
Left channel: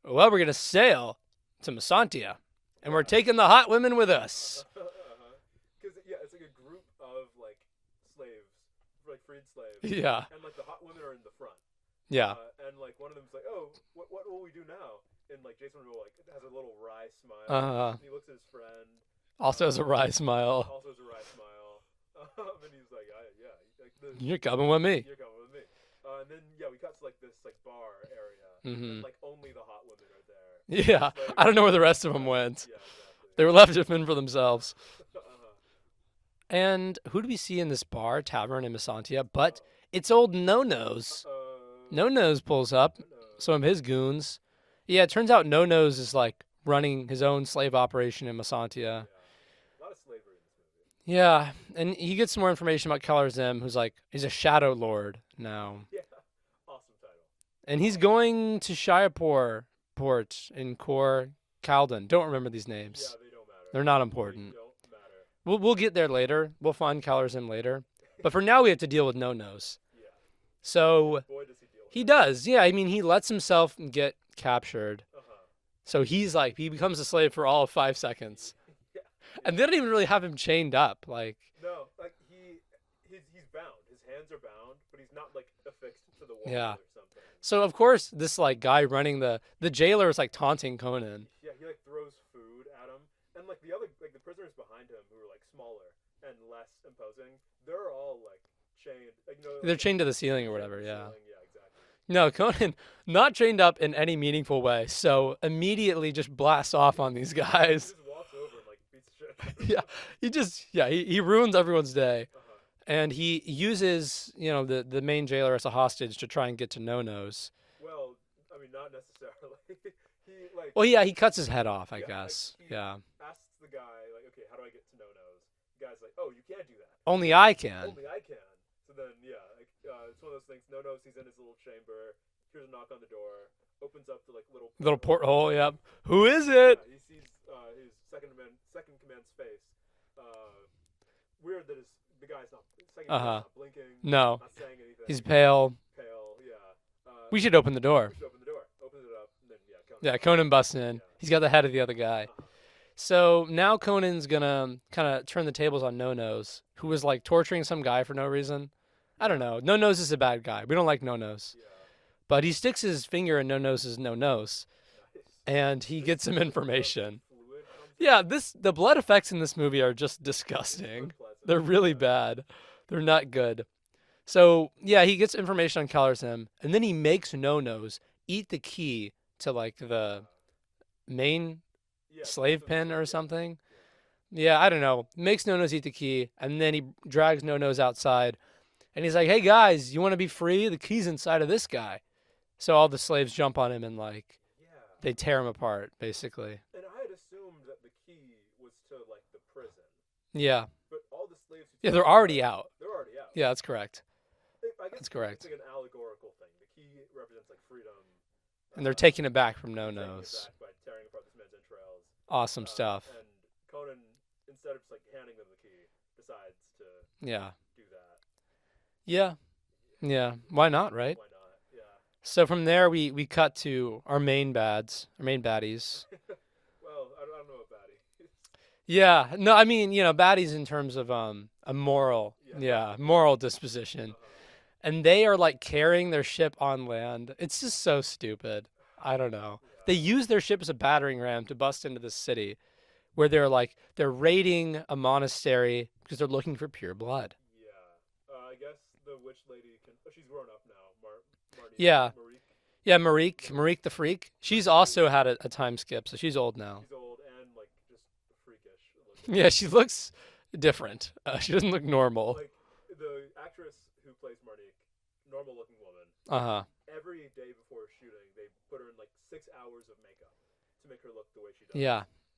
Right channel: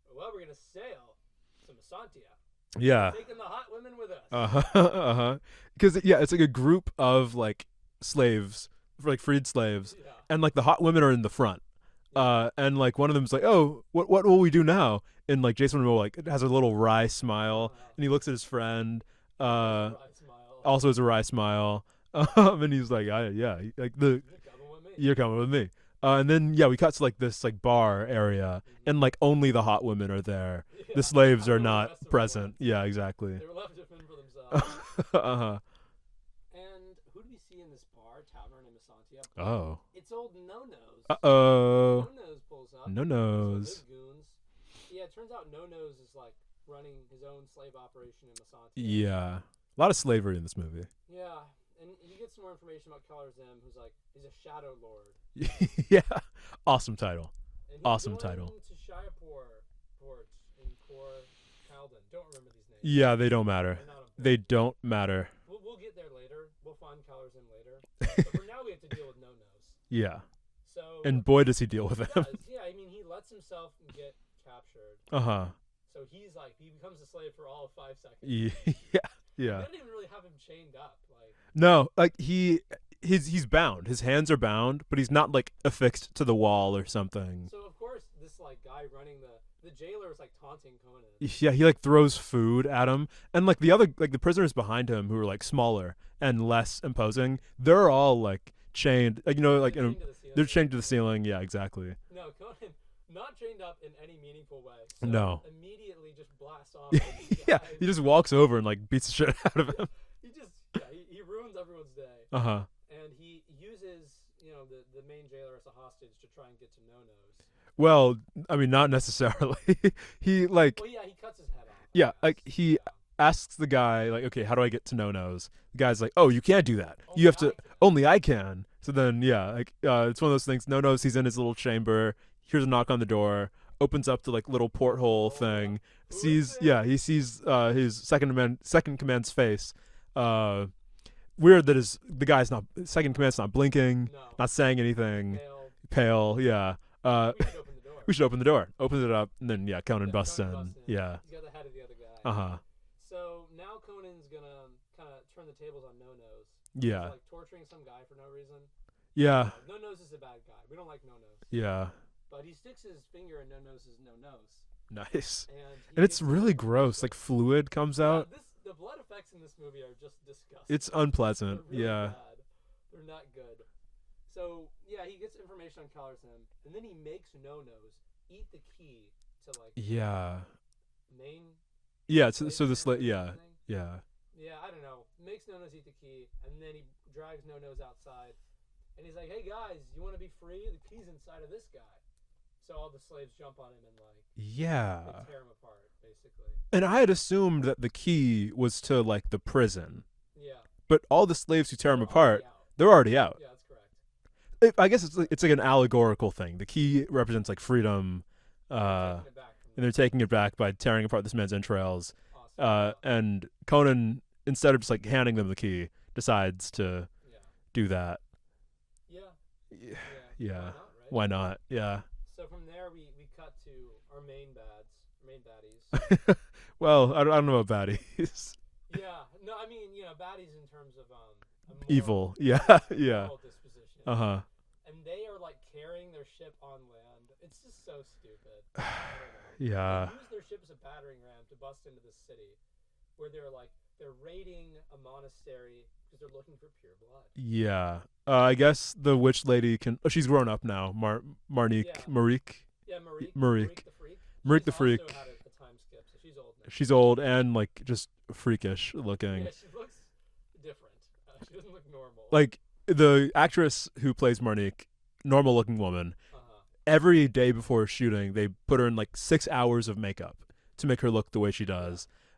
Well, we're gonna sail to Masantia. Yeah. We're taking the hot women with us. Because it's like a group of like slaves, like freed slaves. Yeah. And like the hot women are in the front. Yeah. And like one of them's like, oh, what will we do now? And like Jason Momoa like has a little wry smile, and he looks at his friend. Also has a wry smile. Also has a wry smile. And he's like, You're coming with me. You're coming with me. And then we cut to like this like bar area, and like only the hot women are there. Yeah. The slaves I don't know are where the not rest of them present. went. Yeah, exactly. They were left to fend for themselves. Uh-huh. And who do we see in this tavern in Masantia? But it's old No-Nose. No-Nose pulls up. No-Nose. Some of his goons. Yeah, it turns out No-Nose is like running his own slave operation in Masantia. Yeah. A lot of slavery in this movie. Yeah, and he gets some more information about Keller Zim, who's like, he's a shadow lord now. Yeah. Awesome title. And he's going to Shiapur Port in Kor Kaldan. Don't remember these names. Yeah, they don't matter. They're not important. They don't matter. We'll get there later. We'll find Keller Zim later. But for now, we have to deal with No-Nose. Yeah. So and boy, does he deal with it. He does. Yeah, I mean, he lets himself get captured. Uh-huh. So he becomes a slave for all of 5 seconds. Yeah. And they don't even really have him chained up. No, like he's bound. His hands are bound, but he's not like affixed to the wall or something. So of course this like guy running the jailer is like taunting Conan. Yeah, he like throws food at him, and like the other the prisoners behind him who are like smaller and less imposing, they're all like chained. Like, they're chained to the ceiling. They're chained to the ceiling. Yeah, exactly. No, Conan not chained up in any meaningful way. So immediately just blasts off on these guys. Yeah, he just walks over and like beats the shit out of them. He ruins everyone's day. Uh-huh. And he uses, the main jailer as a hostage to try and get to No-Nose. Well, I mean, not necessarily. He cuts his head off, I guess. Like he asks the guy, like, okay, how do I get to No-Nose? The guy's like, oh, you can't do that. Only I can. Only I can. So then, it's one of those things. No-Nose, he's in his little chamber. Hears a knock on the door. Opens up to like little porthole thing. Yep. Who is it? Yeah, he sees his second command's face. Weird that the guy's not second command's not blinking. No, not saying anything. He's pale. Yeah. We should open the door. Opens it up, and then Conan. Conan busts in. Yeah. He's got the head of the other guy. Uh-huh. So now Conan's gonna kind of turn the tables on No-Nose, who was like torturing some guy for no reason. Yeah. I don't know. No-Nose is a bad guy. We don't like No-Nose. Yeah. But he sticks his finger in No-Nose's no-nose. Nice. And he gets some really information. Gross. Like fluid comes out. Yeah, the blood effects in this movie are just disgusting. It's unpleasant. They're really bad. They're not good. So he gets information on Keller Zim, and then he makes No-Nose eat the key to like the main slave pen or something. Yeah. Yeah, I don't know. Makes No-Nose eat the key, and then he drags No-Nose outside, and he's like, "Hey guys, you want to be free? The key's inside of this guy." So all the slaves jump on him and they tear him apart basically. And I had assumed that the key was to like the prison. Yeah. But all the slaves who tear they're him apart, already out. They're already out. Yeah, that's correct. I guess it's like an allegorical thing. The key represents like freedom. They're taking it back from No-Nose. They're taking it back by tearing apart this man's entrails. Awesome stuff. And Conan, instead of just like handing them the key, decides to do that. Yeah. Why not, right? Why not? Yeah. So from there, we cut to our main baddies. Well, I don't know about baddies. Yeah. No, I mean, baddies in terms of a moral, moral disposition. Uh-huh. And they are like carrying their ship on land. It's just so stupid. I don't know. Yeah. They use their ship as a battering ram to bust into this city, where they're raiding a monastery because they're looking for pure blood. Yeah. I guess the witch lady can. Oh, she's grown up now. Marnique. Yeah. Marique. Yeah, Marique the freak. She's also had a time skip, so she's old now. She's old and like just freakish looking. Yeah, she looks different. She doesn't look normal. Like the actress who plays Marnique, normal looking woman. Every day before shooting, they put her in like 6 hours of makeup to make her look the way she does.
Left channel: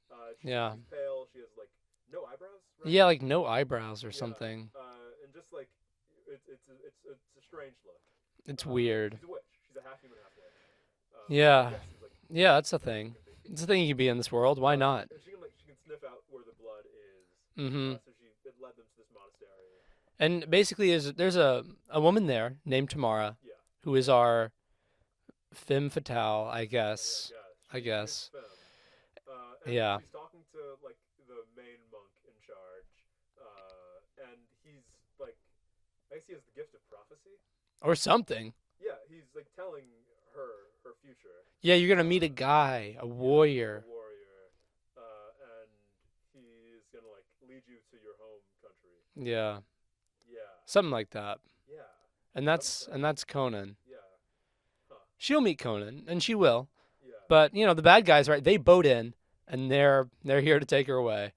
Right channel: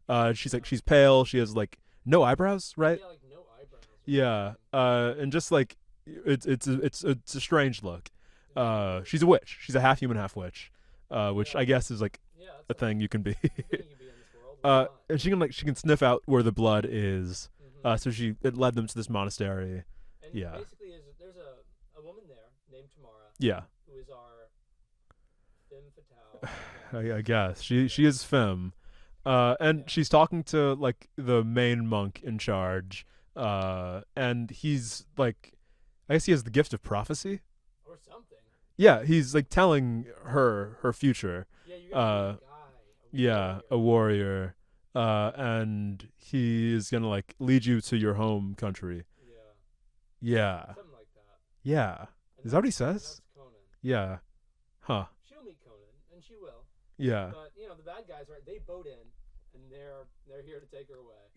Yeah. She's pale. She has like no eyebrows, right? Yeah, like no eyebrows or something. And just like it's a strange look. It's weird. She's a witch. She's a half human, half witch. which I guess is like that's a thing you can be. It's a thing you can be in this world. Why not? And she can sniff out where the blood is. Mm-hmm. So it led them to this monastery. And basically, there's a woman there named Tamara. Yeah. Who is our femme fatale, I guess. I guess she is femme. And she's talking to like the main monk in charge. And he's like, I guess he has the gift of prophecy or something. Yeah, he's like telling her future. Yeah, you're gonna meet a guy, a warrior. A warrior, and he is gonna like lead you to your home country. Yeah. Yeah. Something like that. Yeah. And that's what he says? And that's Conan. Yeah. Huh. She'll meet Conan, and she will. Yeah. But the bad guys, right? They boat in, and they're here to take her away.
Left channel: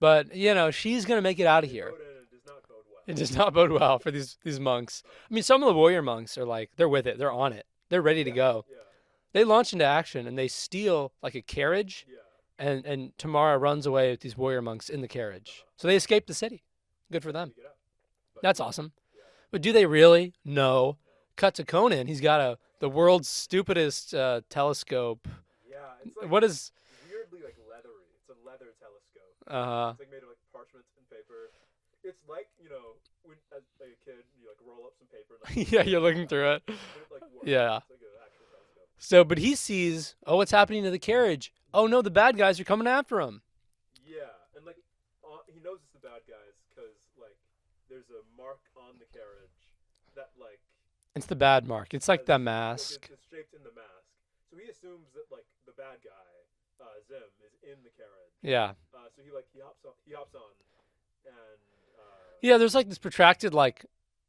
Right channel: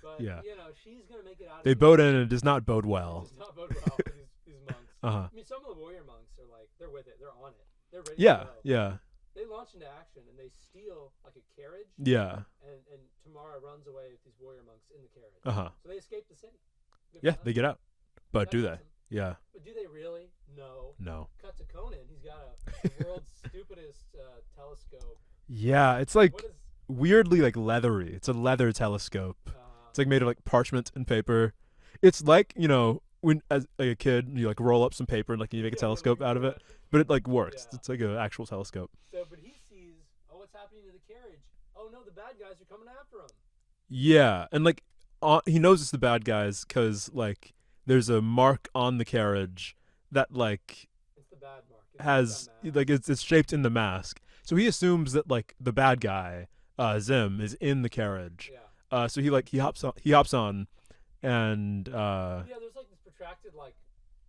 But she's gonna make it out of here. They boat in, and it does not bode well. It does not bode well for these monks. Uh-huh. I mean, some of the warrior monks are like, they're with it, they're on it, they're ready to go. Yeah. They launch into action, and they steal like a carriage. Yeah. And Tamara runs away with these warrior monks in the carriage. Uh-huh. So they escape the city. Good for them. They get out. But that's awesome. Yeah. But do they really? No. Cut to Conan. He's got the world's stupidest telescope. Yeah, it's like what is weirdly like leathery. It's a leather telescope. It's like made of like parchment and paper. It's like when as like a kid you like roll up some paper and like you make a telescope you're looking out through of it. But it like works. Yeah. It's like an actual telescope. So, but he sees, what's happening to the carriage? Oh no, the bad guys are coming after him. Yeah, and like he knows it's the bad guys because like there's a mark on the carriage that like it's the bad mark. It's like that mask. Like it's shaped in the mask. So he assumes that like the bad guy, Zim, is in the carriage. Yeah. So he hops on, and there's like this protracted like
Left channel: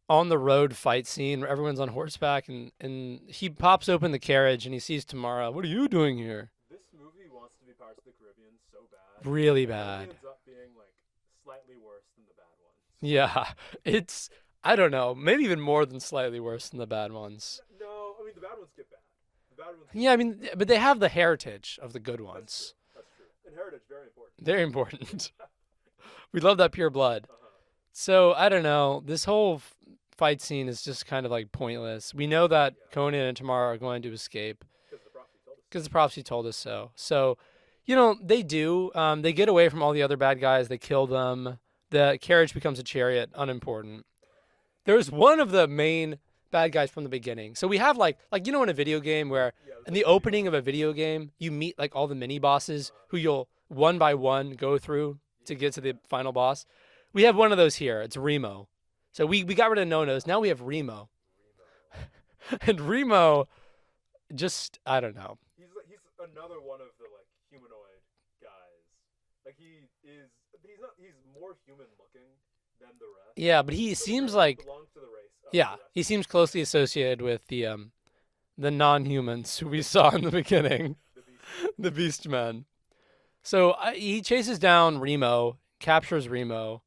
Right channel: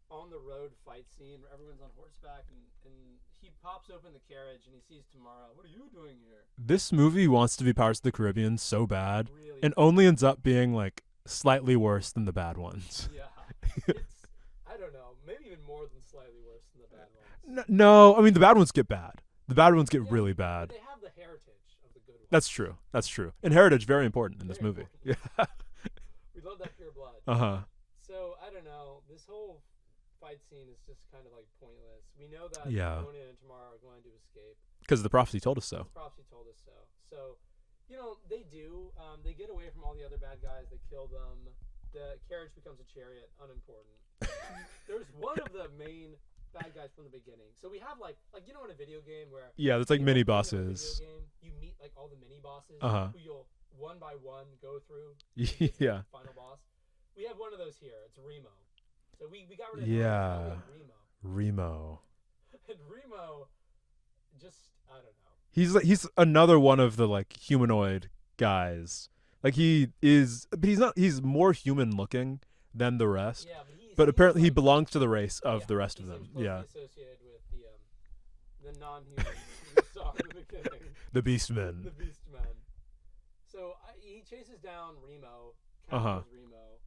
on the road fight scene where everyone's on horseback and he pops open the carriage and he sees Tamara. What are you doing here? This movie wants to be Pirates of the Caribbean so bad. Really bad. And only ends up being like slightly worse than the bad ones. Yeah. It's I don't know, maybe even more than slightly worse than the bad ones. No, I mean the bad ones get bad. The bad ones get really bad. But they have the heritage of the good ones. That's true. And heritage, very important. Very important. Yeah. We love that pure blood. Uh-huh. So, I don't know. This whole fight scene is just kind of like pointless. We know that Conan and Tamara are going to escape. Because the prophecy told us so. Because the prophecy told us so. So, they do. They get away from all the other bad guys. They kill them. The carriage becomes a chariot. Unimportant. There's one of the main bad guys from the beginning. So we have like in a video game where like the opening of a video game, you meet like all the mini bosses who you'll one by one go through to get to the final boss. We have one of those here. It's Remo. So we got rid of No-Nos. Now we have Remo. And Remo just I don't know. He's another one of the like humanoid guys. Like he's more human looking than the rest. Yeah, but seems apparently like he belongs to the race of the rest. He of seems them. closely associated with the non-humans who we saw in the beginning. The Beastmen. The Beastmen. So he chases down Remo, captures Remo.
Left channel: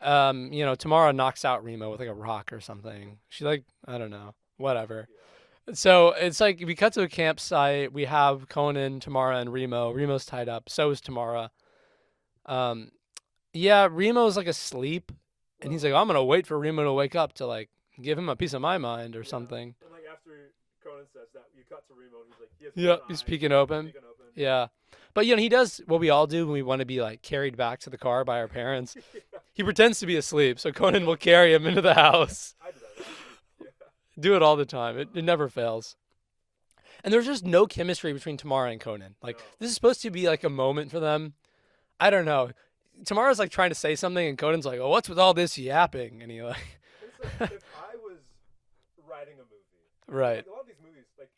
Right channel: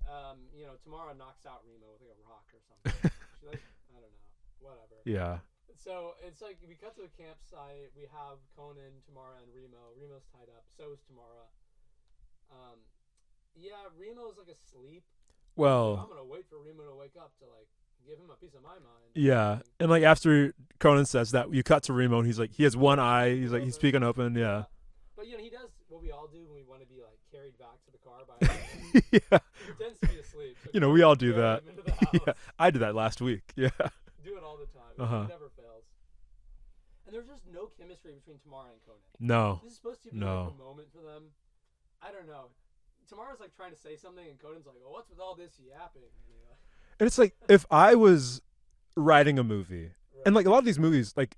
Tamara knocks out Remo with like a rock or something. She I don't know, whatever. Yeah. So it's like we cut to a campsite. We have Conan, Tamara, and Remo. Remo's tied up. So is Tamara. Remo's like asleep. Well, he's like, I'm gonna wait for Remo to wake up to like give him a piece of my mind or something. And like after Conan says that, you cut to Remo and he's like, he has one eye, he's speaking open. Yeah. But he does what we all do when we want to be like carried back to the car by our parents. He pretends to be asleep, so Conan will carry him into the house. I did that last week. Yeah. Do it all the time. It never fails. And there's just no chemistry between Tamara and Conan. No. This is supposed to be like a moment for them. I don't know. Tamara's like trying to say something, and Conan's like, "Oh, what's with all this yapping?" And he like. And it's like if I was writing a movie, right. And like a lot of these movies, like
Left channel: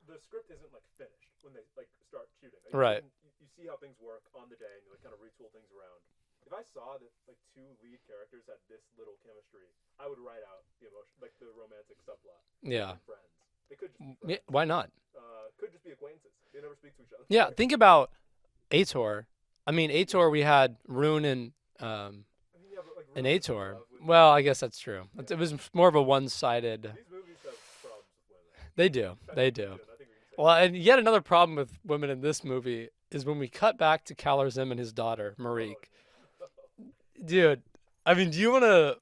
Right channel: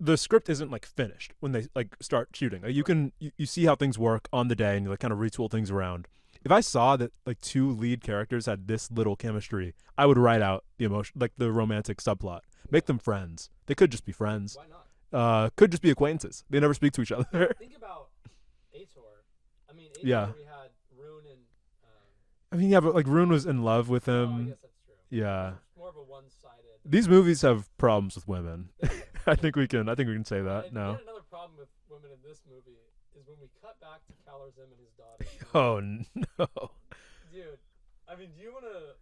the script isn't like finished when they like start shooting. Like, you see how things work on the day, and you like kind of retool things around. If I saw that like two lead characters had this little chemistry, I would write out the emotion, like the romantic subplot. Make them friends. They could just be friends. Why not? Could just be acquaintances. They never speak to each other. Yeah, think about Aitor. I mean, Aitor, we had Rune and. But like Rune was in love with him. Well, I guess that's true. Yeah. It was more of a one-sided. These movies have problems with women. They do. I think we can say that. Well, and yet another problem with women in this movie is when we cut back to Kalar Zim and his daughter, Marie. Oh, no. Dude, I mean, do you want to...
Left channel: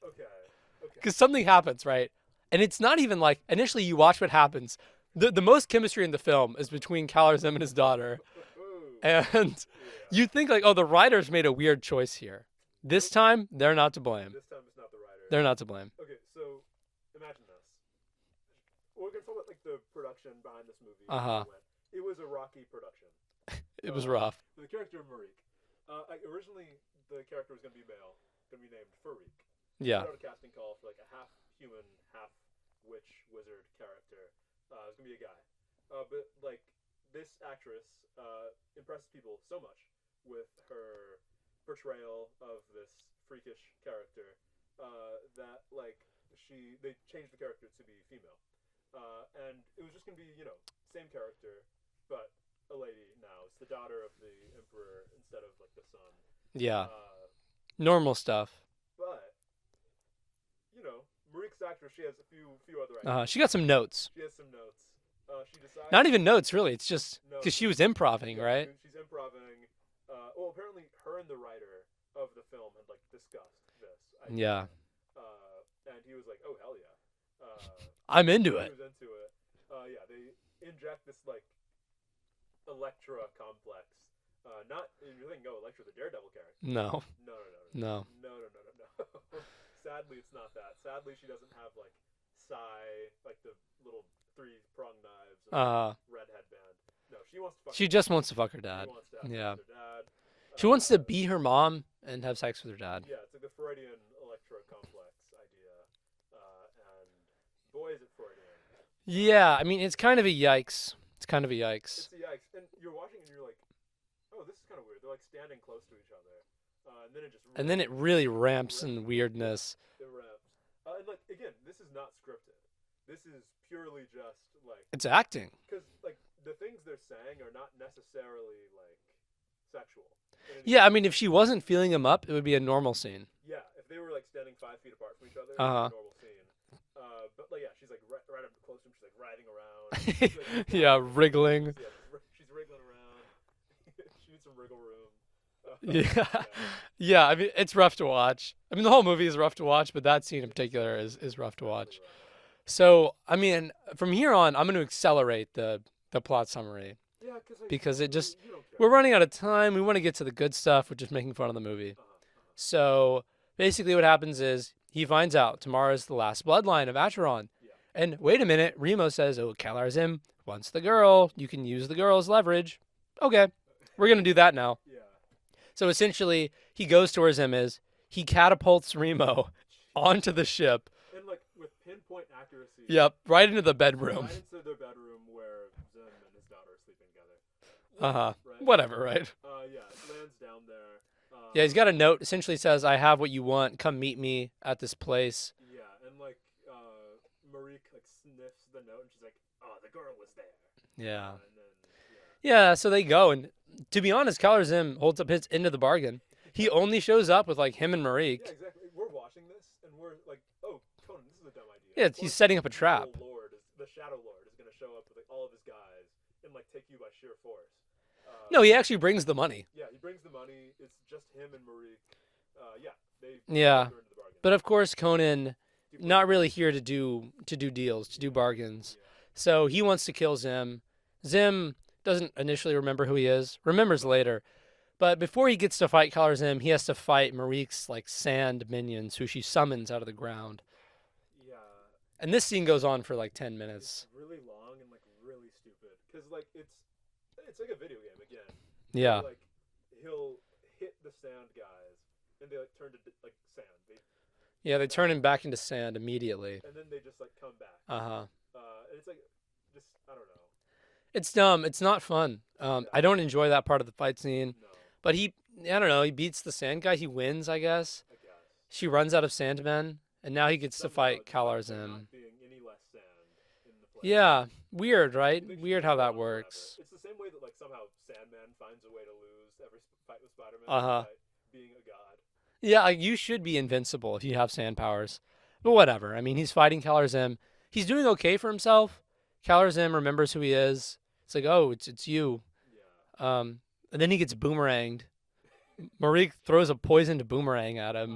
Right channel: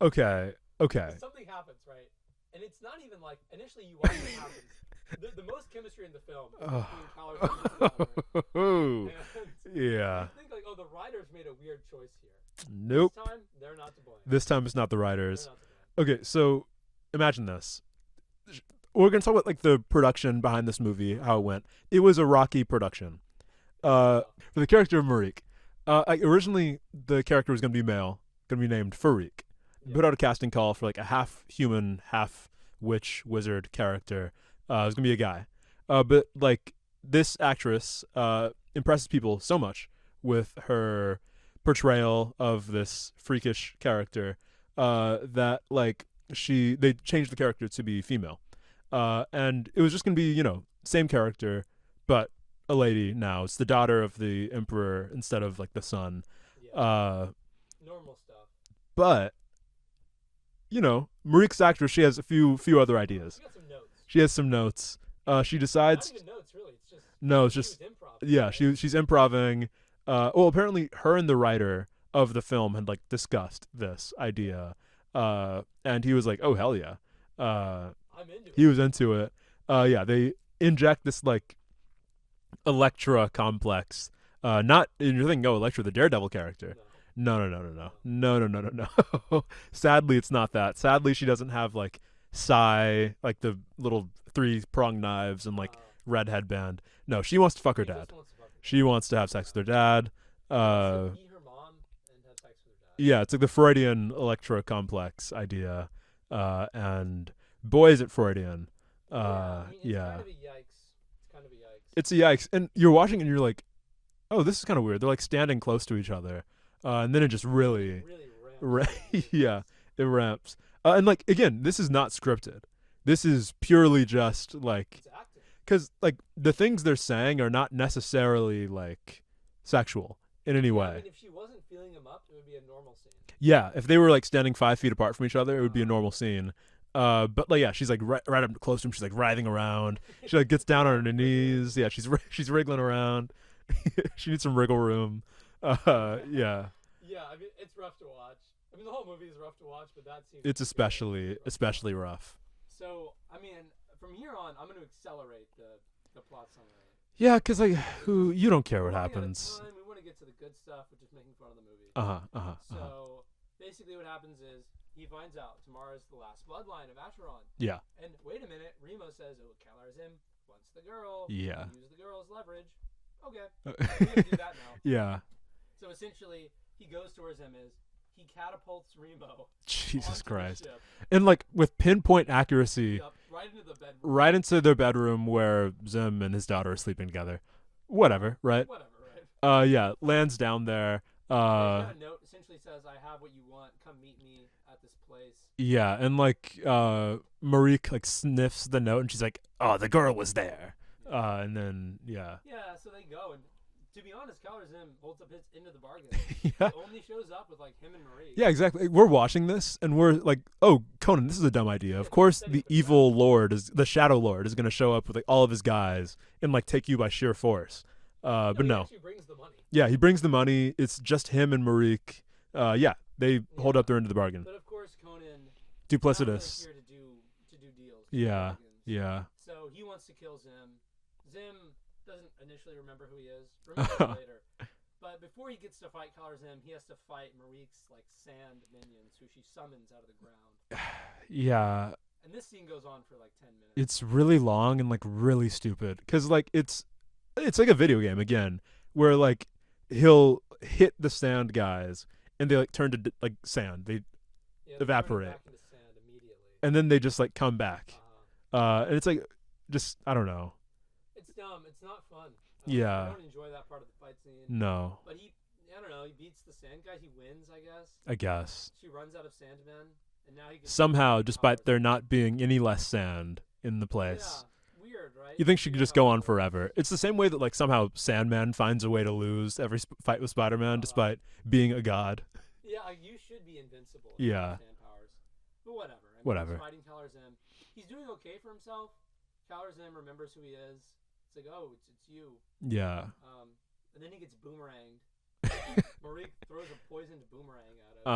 Okay. Because something happens, right? And it's not even like, initially you watch what happens, the most chemistry in the film is between Caloris and his daughter. And you think like, oh, the writers made a weird choice here. Nope. This time, they're not to blame. This time it's not the writers. They're not to blame. Okay, so imagine this. We're going to talk about like the production behind this movie, how it went. It was a rocky production. It was rough. For the character of Marique. Originally, the character was going to be male, going to be named Farik. Yeah. Put out a casting call for like a half human, half witch wizard character. It was going to be a guy. But like this actress impresses people so much with her portrayal of this freakish character that like they changed the character to be female. And it was just going to be, you know, same character, but a lady now. It's the daughter of the emperor instead of like the son. Yeah. Normal stuff. But you know, Marique's actress, she has a few other ideas. She got some notes. She has some notes. She decides not even notes really. It's just she was improvising. Yeah, right? she's improvising. Well, apparently her and the writer of the film had like discussed this idea. Yeah. And he was like, "Oh hell yeah." I'm into it. He was into it. Yeah, they inject this like Elektra complex. Not you're thinking, oh, Elektra, the Daredevil character. No. Sadly, it's not that. Sadly, she doesn't have like like the little 3-pronged knives and like red headband. No, she wants to fuck her dad. She just wants to fuck her dad. She wants to have sex with her dad. She wants to be her mom and have sex with her dad. Yeah, it's like the Freudian Elektra complex idea. And boy, is it Freudian. Yeah, I mean, it's kind of a yikes. It's kind of a yikes. It's a yikes. And you're watching and you're like, oh, this is kind of weird. They're like standing close to each other. And then it just really... And then it really ramps in weirdness. Yeah, it ramps. And like, again, this is not scripted. This is purely just like... It's acting. Because like the things they're saying are not necessarily like sexual in any way. Yeah, I mean, if she wasn't feeling him up, it would be a normal scene. Yeah, if they were like standing 5 feet apart from each other, it would be a normal scene. But like, yeah, she's like right up close to him. She's like writhing around. She like gets down on her wriggling. knees. Yeah, she's wriggling around. She needs some wriggle room. Yeah. Yeah, I mean, it's rough to watch. I mean, the whole movie is rough to watch, but that scene in particular is rough especially to watch. rough. So, I mean, from here on, I'm going to accelerate the plot summary. Yeah, because it just you don't care. We're running out of time. We want to get to the good stuff. We're just making fun of the movie. So basically, what happens is he finds out tomorrow's the last bloodline of Acheron. Yeah. And wait a minute, Remo says, "Oh, Calarzim wants the girl. You can use the girl as leverage." Okay, we're gonna do that now. Yeah. So essentially, he goes to where Zim is. He catapults Remo onto the ship. And like with pinpoint accuracy. Yep, right into the bedroom. Right into their bedroom where Zim and his daughter are sleeping together. Whatever, right? Whatever, right? Yeah, lands down there. Yeah, he's got a note. Essentially says, "I have what you want. Come meet me at this place." Yeah, and like Marique like sniffs the note and she's like, "Oh, the girl was there." Yeah. And then Yeah, so they go, and to be honest, Calarzim holds up his end of the bargain. He only shows up with like him and Marique. Yeah, exactly. We're watching this and we're like, "Oh, Conan, this is a dumb idea." Yeah, of course, setting the up a evil trap. lord the Shadow Lord is going to show up with like all of his guys and like take you by sheer force. No, he actually brings the money. Yeah, he brings the money. It's just him and Marique. They hold up their end of the bargain. But of course, Conan Duplicitous. not really here to do deals, to do bargains. Yeah. So he wants to kill Zim. Zim doesn't initially remember who he is. Remembers later. But before he gets to fight Calarzim, he has to fight Marique's like sand minions, who she summons out of the ground. Yeah. And this scene goes on for like 10 minutes. It's really long and like really stupid because like it's like a video game again, where like he'll hit the sand guys and they like turn to like sand. They turn him back into sand immediately, and then they just like come back. Uh-huh. And it's like just I don't know. It's dumb. It's not fun. I don't enjoy that part of the fight scene. No. But I don't know. He beats the sand guy. He wins, I guess. She runs out of sandmen, and now he gets somehow, to fight despite there Calarzim. not being any less sand in the place. Yeah. Weird, right? You think she Weird could just how go that on works. forever. It's the same way that like somehow Sandman finds a way to lose every fight with Spider-Man despite being a god. Yeah, like, you should be invincible if you have sand powers. But whatever. I mean, he's fighting Calarzim. He's doing okay for himself. Calarzim remembers who he is. It's like, oh, it's you. Yeah. And then he gets boomeranged. Marique throws a poisoned boomerang at him.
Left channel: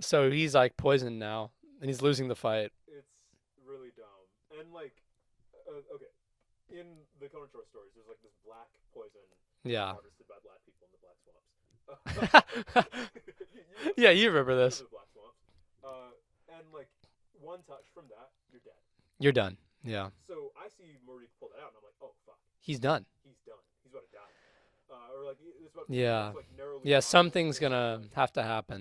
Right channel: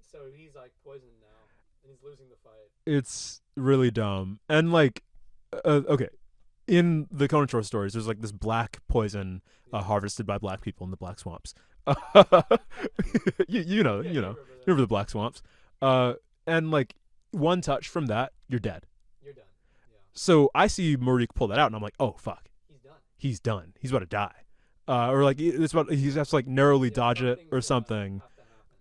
So he's like poisoned now, and he's losing the fight. It's really dumb. And like okay. In the Conan short stories, there's like this black poison harvested by black people in the black swamps. you know. Yeah, you remember this. You remember the black swamps. And like one touch from that, you're dead. You're done. Yeah. So I see Marique pull that out, and I'm like, oh fuck, he's done. He's done. He's about to die. Or like it's about he has to like narrowly dodge something's it or gonna something. Have to happen.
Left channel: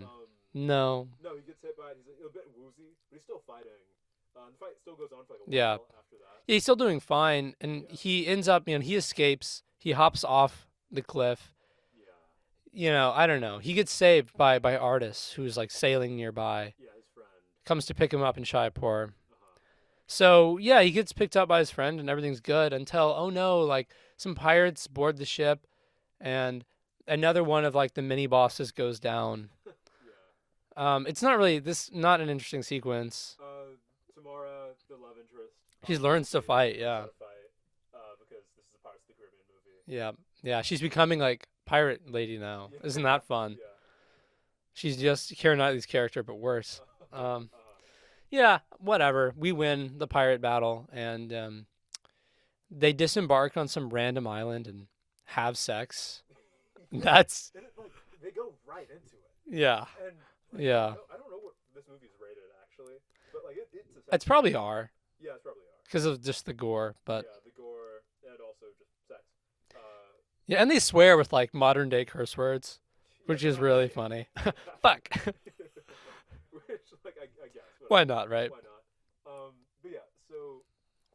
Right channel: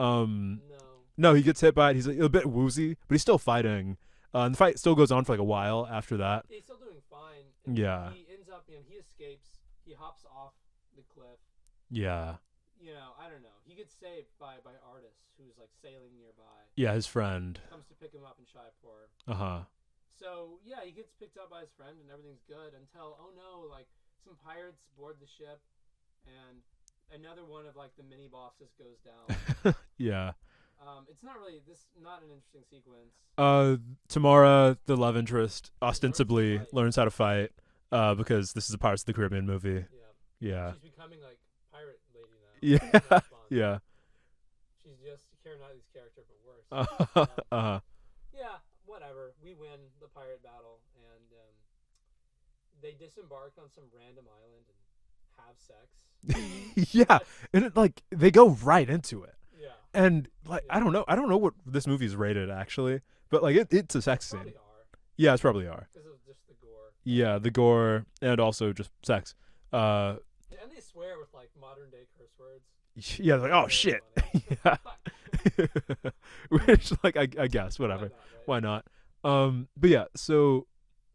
No, he gets hit by it. He's like, a bit woozy, but he's still fighting. And the fight still goes on for like a while after that. Yeah, he's still doing fine, and he ends up, he escapes. He hops off the cliff. Yeah. I don't know. He gets saved by Artis, who's like sailing nearby. Yeah, his friend comes to pick him up in Jaipur. Uh-huh. So yeah, he gets picked up by his friend, and everything's good until like some pirates board the ship, and another one of like the mini bosses goes down. Yeah. It's not really not an interesting sequence. Tamara, the love interest, ostensibly learns how to fight, because this is a Pirates of the Caribbean movie. Yeah. She's becoming like pirate lady now. Yeah. Isn't that fun? Yeah. She's just Keira Knightley's character, but worse. Yeah, whatever. We win the pirate battle, and they disembark on some random island and have sex. Yeah, and it, like they go right into it. Yeah, and like I don't know what this movie is rated actually, but like it's a sex. It's probably R. Yeah, it's probably R because of just the gore. But. Yeah, the gore and also just sex. Yeah, and they swear with like modern day curse words. Yeah, which like, is really shit. funny. Fuck. Which, like, I guess, whatever. Why not, right? Why not? But yeah, so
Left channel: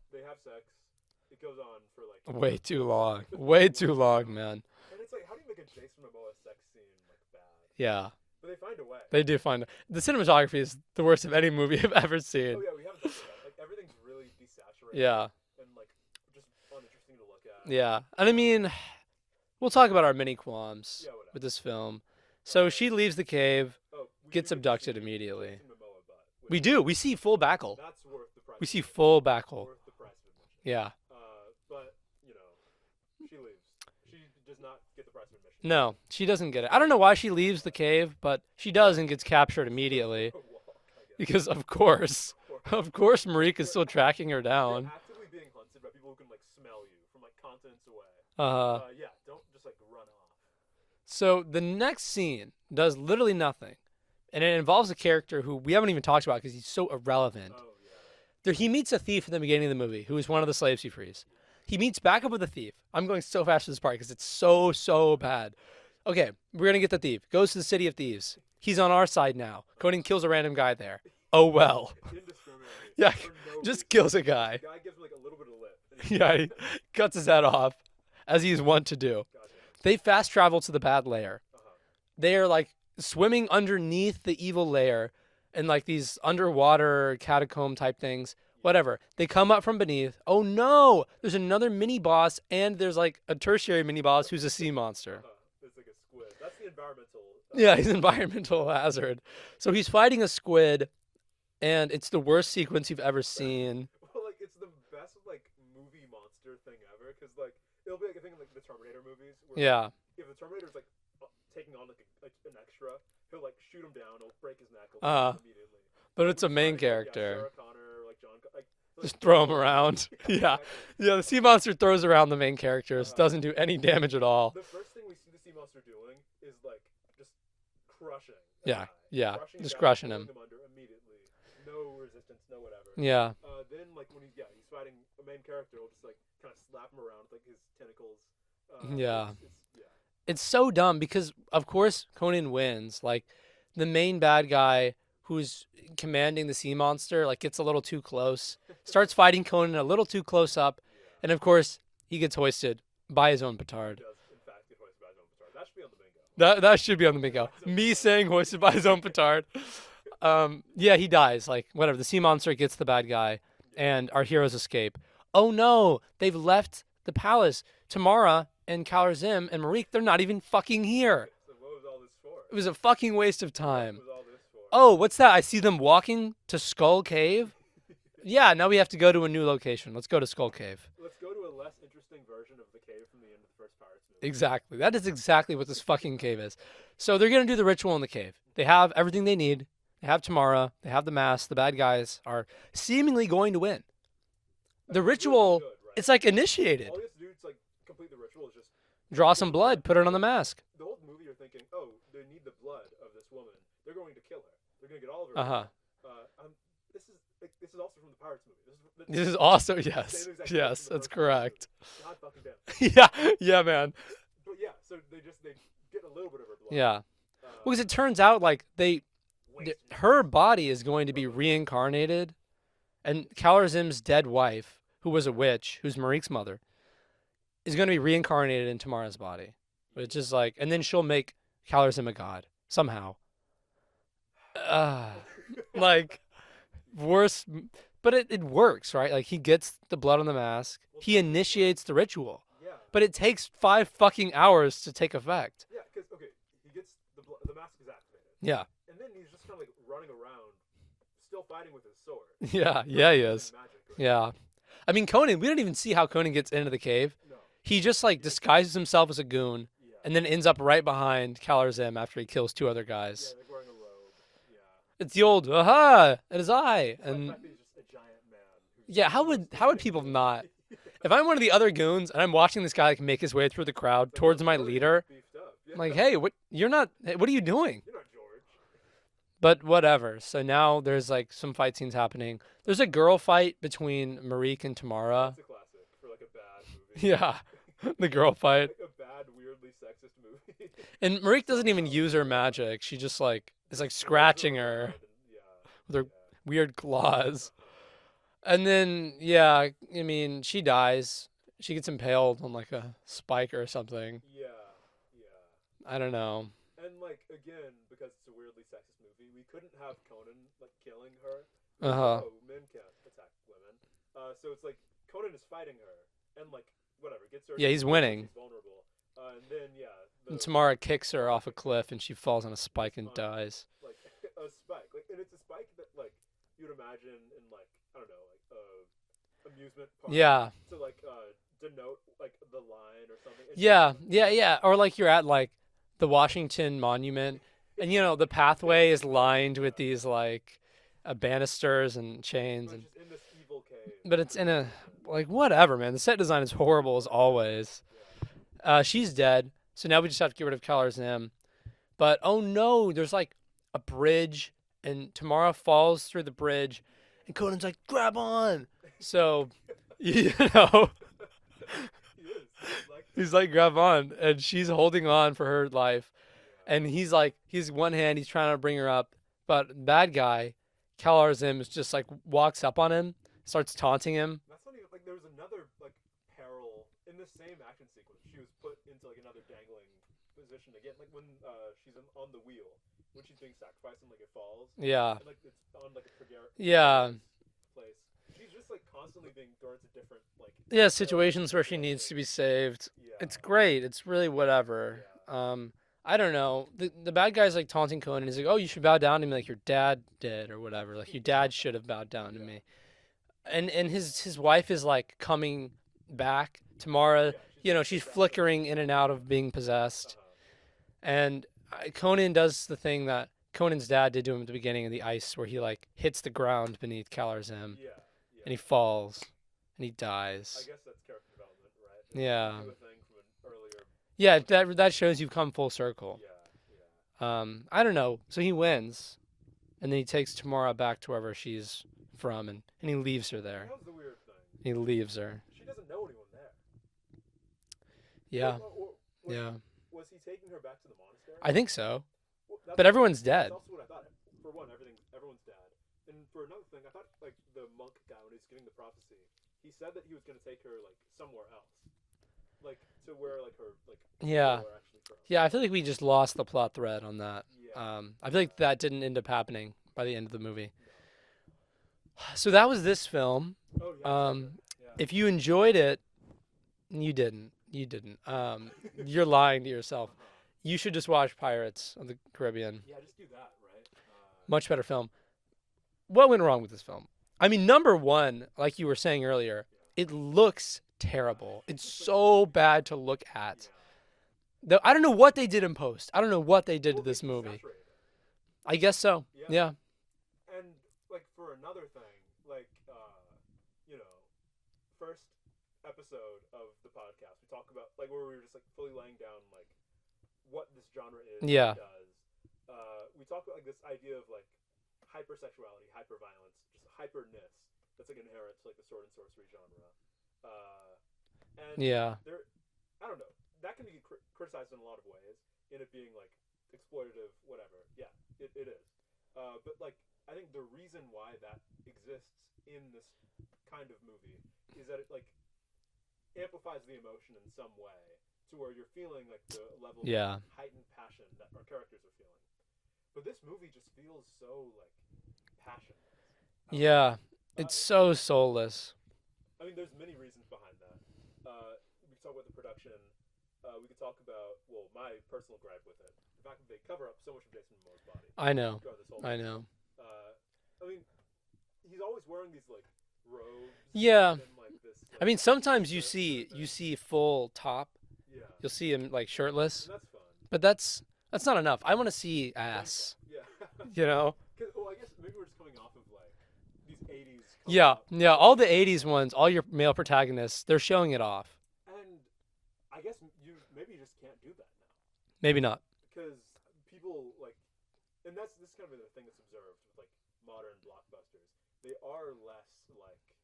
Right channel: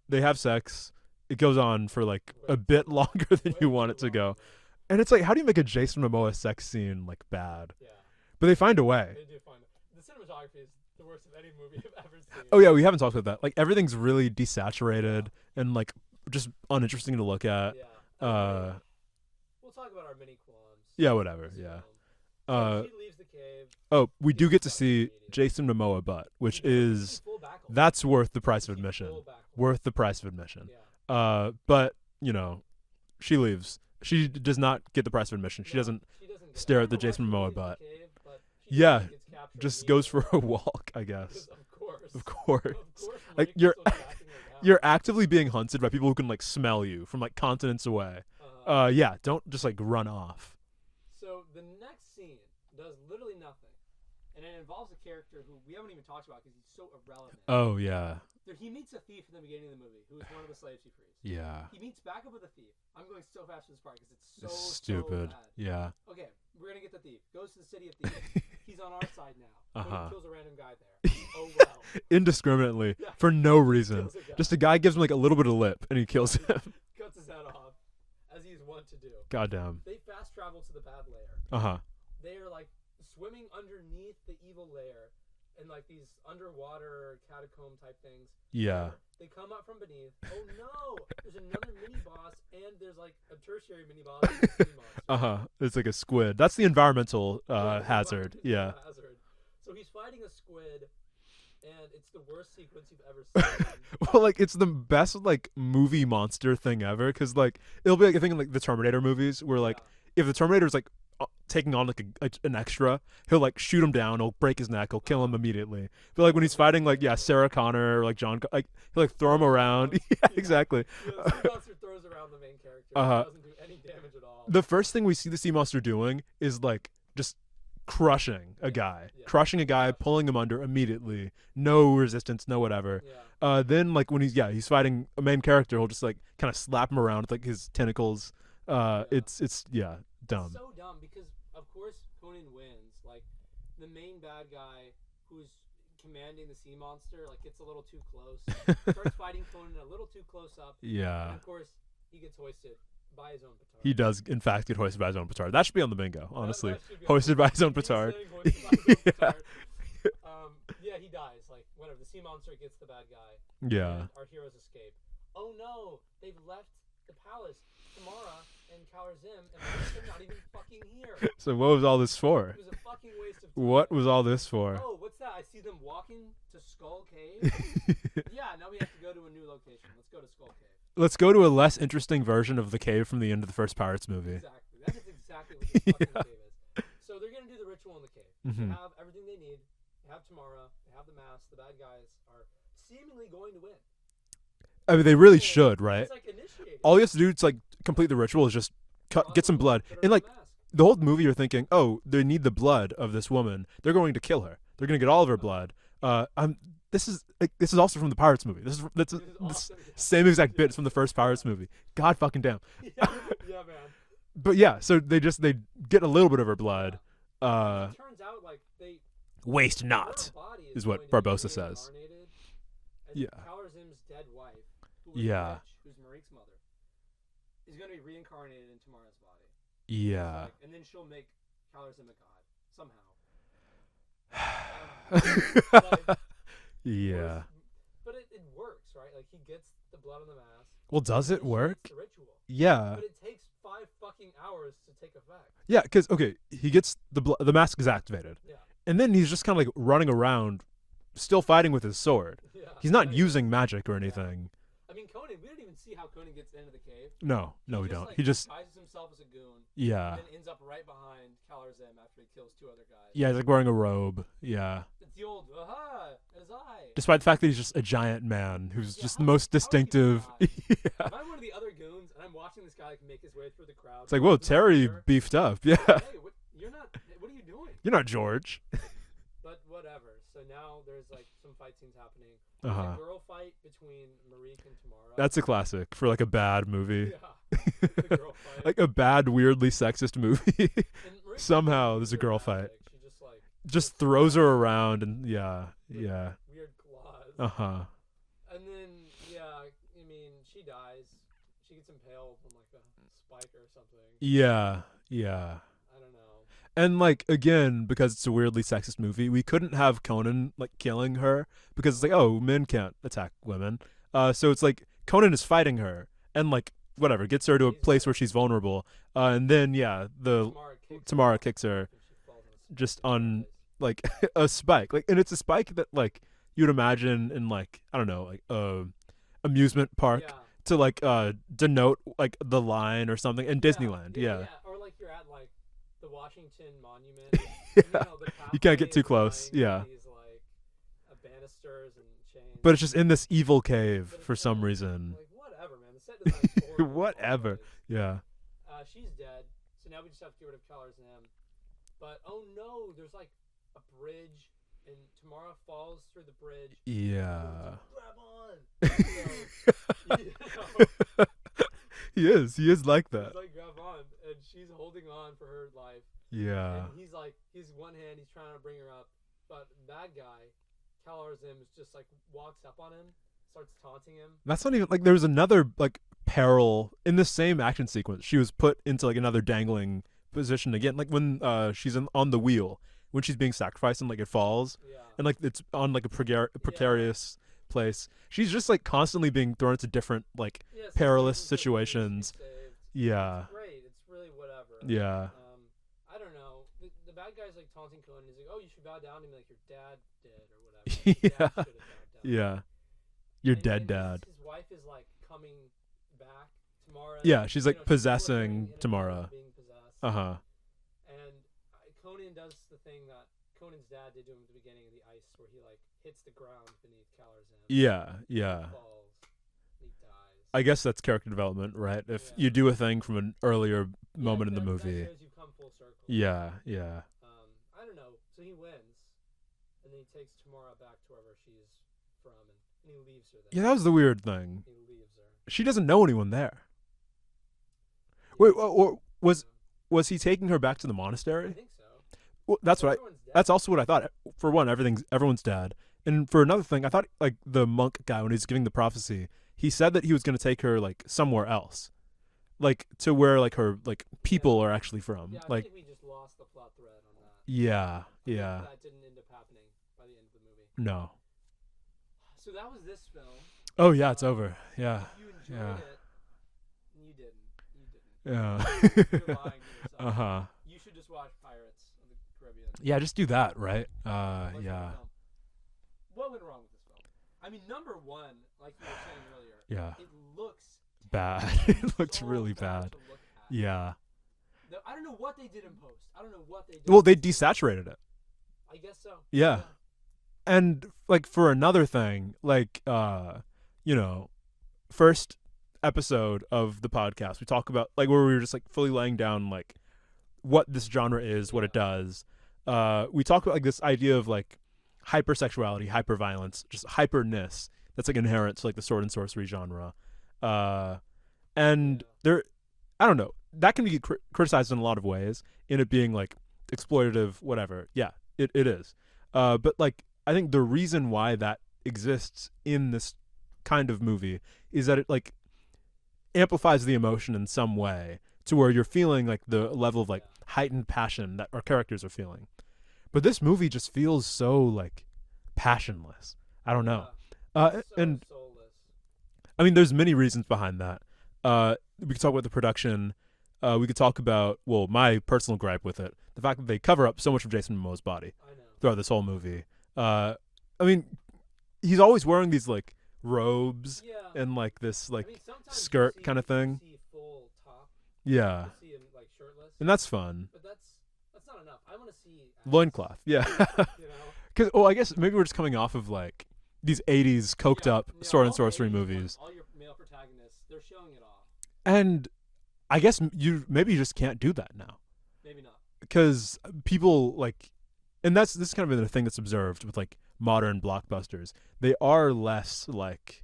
they have sex. It goes on for like a bit longer than you want it to go. Man. And it's like, how do you make a Jason Momoa sex scene like bad? Yeah. But they find a way. They do find the cinematography is the worst of any movie I've ever seen. Oh yeah, we haven't talked about that. Like everything's really desaturated and like just uninteresting to look at. Yeah, and I mean, we'll talk about our mini qualms. Yeah, whatever. With this film. So she leaves the cave. Oh, we do get to see Jason Momoa butt, which we do. We see full backle. That's worth the price of admission. We see full backle. Worth the price of admission. Yeah. But she leaves. She does not get the price of admission. She doesn't get it. I don't know why she leaves the cave, but she does and gets captured just immediately. Goes for a walk, I guess. Because of course, Marique is still tracking her down. You're actively being hunted by people who can like smell you from like continents away. Yeah, don't just like run off. So the next scene does literally nothing, and it involves a character who we haven't even talked about because he's so irrelevant. Oh yeah. He meets a thief in the beginning of the movie who is one of the slaves he frees. Yeah. He meets back up with the thief. I'm going so fast to this part because it's so bad. Yeah. Okay, we're going to get the thief. Goes to the city of thieves. He's on our side now. Conan kills a random guy there. Oh, well. Indiscriminately. Yeah. For no reason. Just kills a guy. Just a guy gives him like a little bit of lip and he kills him. He cuts his head off as he is wont to do. Goddamn. They fast travel to the bad lair. They are like swimming underneath the evil lair. And like these underwater catacomb type things, whatever. They come up from beneath. Oh no! There's another mini boss, and there's like a tertiary mini boss who's a sea monster. It's like a squid. That's the environmental. He's an environmental hazard. So he's fighting a squid, and it's the worst sequence you've ever seen. Well, like it's the best like movie monster thing ever, because like it'll be like I think in like the Terminator movies where like if the Terminator's like taking on like an extra, he'll like shoot him down, he'll break his neck, he'll kill him immediately. But like when he's fighting character. Like Sarah Connor or like John, like he'll like throw him around. Exactly. Yeah, the sea monster throws around the main characters, doesn't do any damage at all. The first thing we see the sea monster doing is like just crushing a guy, crushing a guy, pulling him under immediately, no resistance, no whatever. Then like when he's fighting a main character, he'll just like kind of slap him around with like his tentacles. It's dumb. It's so dumb because, of course, Conan wins. Like, the main bad guy who's commanding the sea monster, like, gets a little too close. Starts fighting Conan a little too close up. Yeah. And, of course, he gets hoisted by his own petard. He does, in fact, get hoisted by his own petard. That should be on the bingo. That should be on hoisted the bingo. By his own Me petard. saying hoisted by his own petard. He dies. Like, whatever. The sea monster gets the bad guy. And our heroes escape. Oh, no. They've left the palace. Tamara and Kalarzim and Marique, they're not even fucking here. So what was all this for? It was a fucking waste of time. What was all this for? Oh, what's that? I see them walking to Skull Cave. Now we have to go to a new location. Let's go to Skull Cave. Let's go to a less interesting version of the cave from the end of the first Pirates movie. Exactly. That is exactly what this fucking cave is. So they're going to do the ritual in the cave. They have everything they need. They have Tamara. They have the mask. The bad guys are seemingly going to win. I mean, they really should, right? It's like initiated. All you have to do to like complete the ritual is just get some blood, put her and, on like, the mask. The whole movie, you're thinking, oh, they need the blood of this woman. They're going to kill her. They're going to get all of her blood. This is also from the Pirates movie. This is also same exact bit from the first Pirates movie. God fucking damn. yeah, man. But yeah, so they get a little bit of her blood. Yeah. Because it turns out like they waste not. Her body is what going to be Barbossa reincarnated, and Calorzim's dead wife, who was a witch, who's Marik's mother, is going to be reincarnated in Tamara's body. Which is like, and then she'll make Calorzim a god somehow. Like worse, but it works, right? Like he gets the blood on the mask. Well, he initiates the ritual. Yeah, but it takes 5 fucking hours to take effect. Yeah, because he gets the mask is activated. Yeah, and then he's just kind of like running around, still fighting with his sword. Yeah, he's not using magic or anything. Yeah. I mean, Conan, we don't even see how Conan gets into the cave. No. He just disguises himself as a goon. Yeah. And then ends up right behind Calorzim after he kills 2 other guys. Yeah, he's like wearing a robe. Yeah. It's the old, aha, it is I. Despite the fact that he's just a giant man who's just the most distinctive. How would people not? If I'm one of the other goons and I'm watching this guy like make his way through the crowd it's like, towards my leader. Beefed up. Yeah. Like, hey, what are you doing? You're not George. But whatever. So now there's like some fight scenes happening. There's a girl fight between Marik and Tamara. That's a classic for like a bad movie. Yeah, the girl fight. Like a bad, weirdly sexist movie. And Marik doesn't even use her magic. Fight. She just like throws her around and with her weird claws. And then I mean she dies. She gets impaled on like a spike or something. Yeah. I don't know. And like again, because it's a weirdly sexist movie, we couldn't have Conan like killing her because it's like, oh, men can't attack women. So it's like Conan is fighting her and like whatever gets her to a place where she's vulnerable. And then Tamara kicks her off a cliff and she falls on a spike and dies. Like a spike, like, and it's a spike that like you'd imagine in like I don't know, like amusement park. Yeah. To like denote like the line or something in Disneyland. Yeah. Or like you're at like the Washington Monument, and the pathway is lined with these like banisters and chains. But it's just in this evil cave for some reason. Like whatever, man. The set design is horrible as always. Yeah. She's dead, so now we just have to get rid of Calorzim. But oh no, there's like a bridge, and Tamara falls through the bridge. Yeah. And Conan's like, grab on. So He is like that. He's like, grab on, and she's holding on for her life. Yeah. And he's one hand, he's trying to bring her up, but bad guy, Calorzim, is just like walks up on him, starts taunting him. That's not even like there's another like peril in the same action sequence. She was put into like another dangling position again, like when she's on the wheel when she's being sacrificed and like it falls. Yeah. And like it's on like a precarious place. She's just like constantly being thrown into different like situations where she needs to be saved. Yeah, it's great. It's really whatever. Yeah. I don't know. The bad guy's like taunting Conan. He's like, "Oh, you should bow down to me like your dad did, or whatever. Like your dad should have bowed down to me." Your and his wife is like coming back. Tamara. Yeah, she's like she's flickering in and out of being possessed. And Conan does the thing that Conan's dad did to him at the beginning of the ice, where he like hits the ground beneath Calorzim. Yeah. And he falls, and he dies. I guess that's character development, right? If you do a thing from an earlier. Yeah, that shows you've come full circle. Yeah. I don't know. So he wins, and then he takes Tamara back to wherever she's from, and he leaves her there. Yeah, that was the weird thing. He leaves her. She doesn't know anyone there. Yeah. Wait, was he taking her back to the monastery? I think so. Well, but everyone's dead. That's also what I thought. For one, everyone's dead, and for another thing, I thought like the monk guy when he was giving the prophecy, he said that he was going to take her like somewhere else, like to where like her like people are actually from. Yeah, I feel like we just lost the plot thread on that. Yeah, I feel like that didn't end up happening by the end of the movie. No. So that was this film. Oh yeah, it's over. Yeah. If you enjoyed it, you didn't. You're lying to yourself. You should just watch Pirates of the Caribbean. Yeah, just do that, right? Much better film. What went wrong with this film? I mean, number one, like you were saying earlier, it looks terrible. It's so really bad to look at. Yeah. I don't know what they did in post. I don't know what they did. Well, they desaturated it. I guess so. Yeah. And like for another thing, like first episode of the podcast, we talk about like where we were just like fully laying down like what this genre is, what it does. We talk about like this idea of like hypersexuality, hyperviolence, just hyperness that's like inherent to like the sword and sorcery genre. And there, I don't know, that can be criticized in a lot of ways in it being like exploitative, whatever. Yeah, it is. But like I think the reason why that exists in this kind of movie is that it like amplifies the emotion in some way to where you're feeling like the level of like heightened passion that our characters are feeling. But this movie just feels so like passionless. I don't know. It's so soulless. I mean, there's many reasons behind that. We could talk about the production. We could talk about, well, my personal gripe with it, the fact that they cover up so much of Jason Momoa's body. I know. Throughout this whole movie. I mean, he's always wearing these like robes. Yeah. And like this like. I mean, sometimes skirt kind of thing. You see full top. Yeah. You'll see him like shirtless. And that's fun. But that's not enough. I want to see ass. Loincloth. Yeah. You know. Because I guess maybe we're just coming off of like these 80s coked up. Yeah. Sword All the and sorcery 80s movies. ones, all your male protagonists, they're showing it off. And I guess you just can't do that now. Maybe not. Because people like, and this is kind of the thing that's observed with like modern blockbusters. They are less like,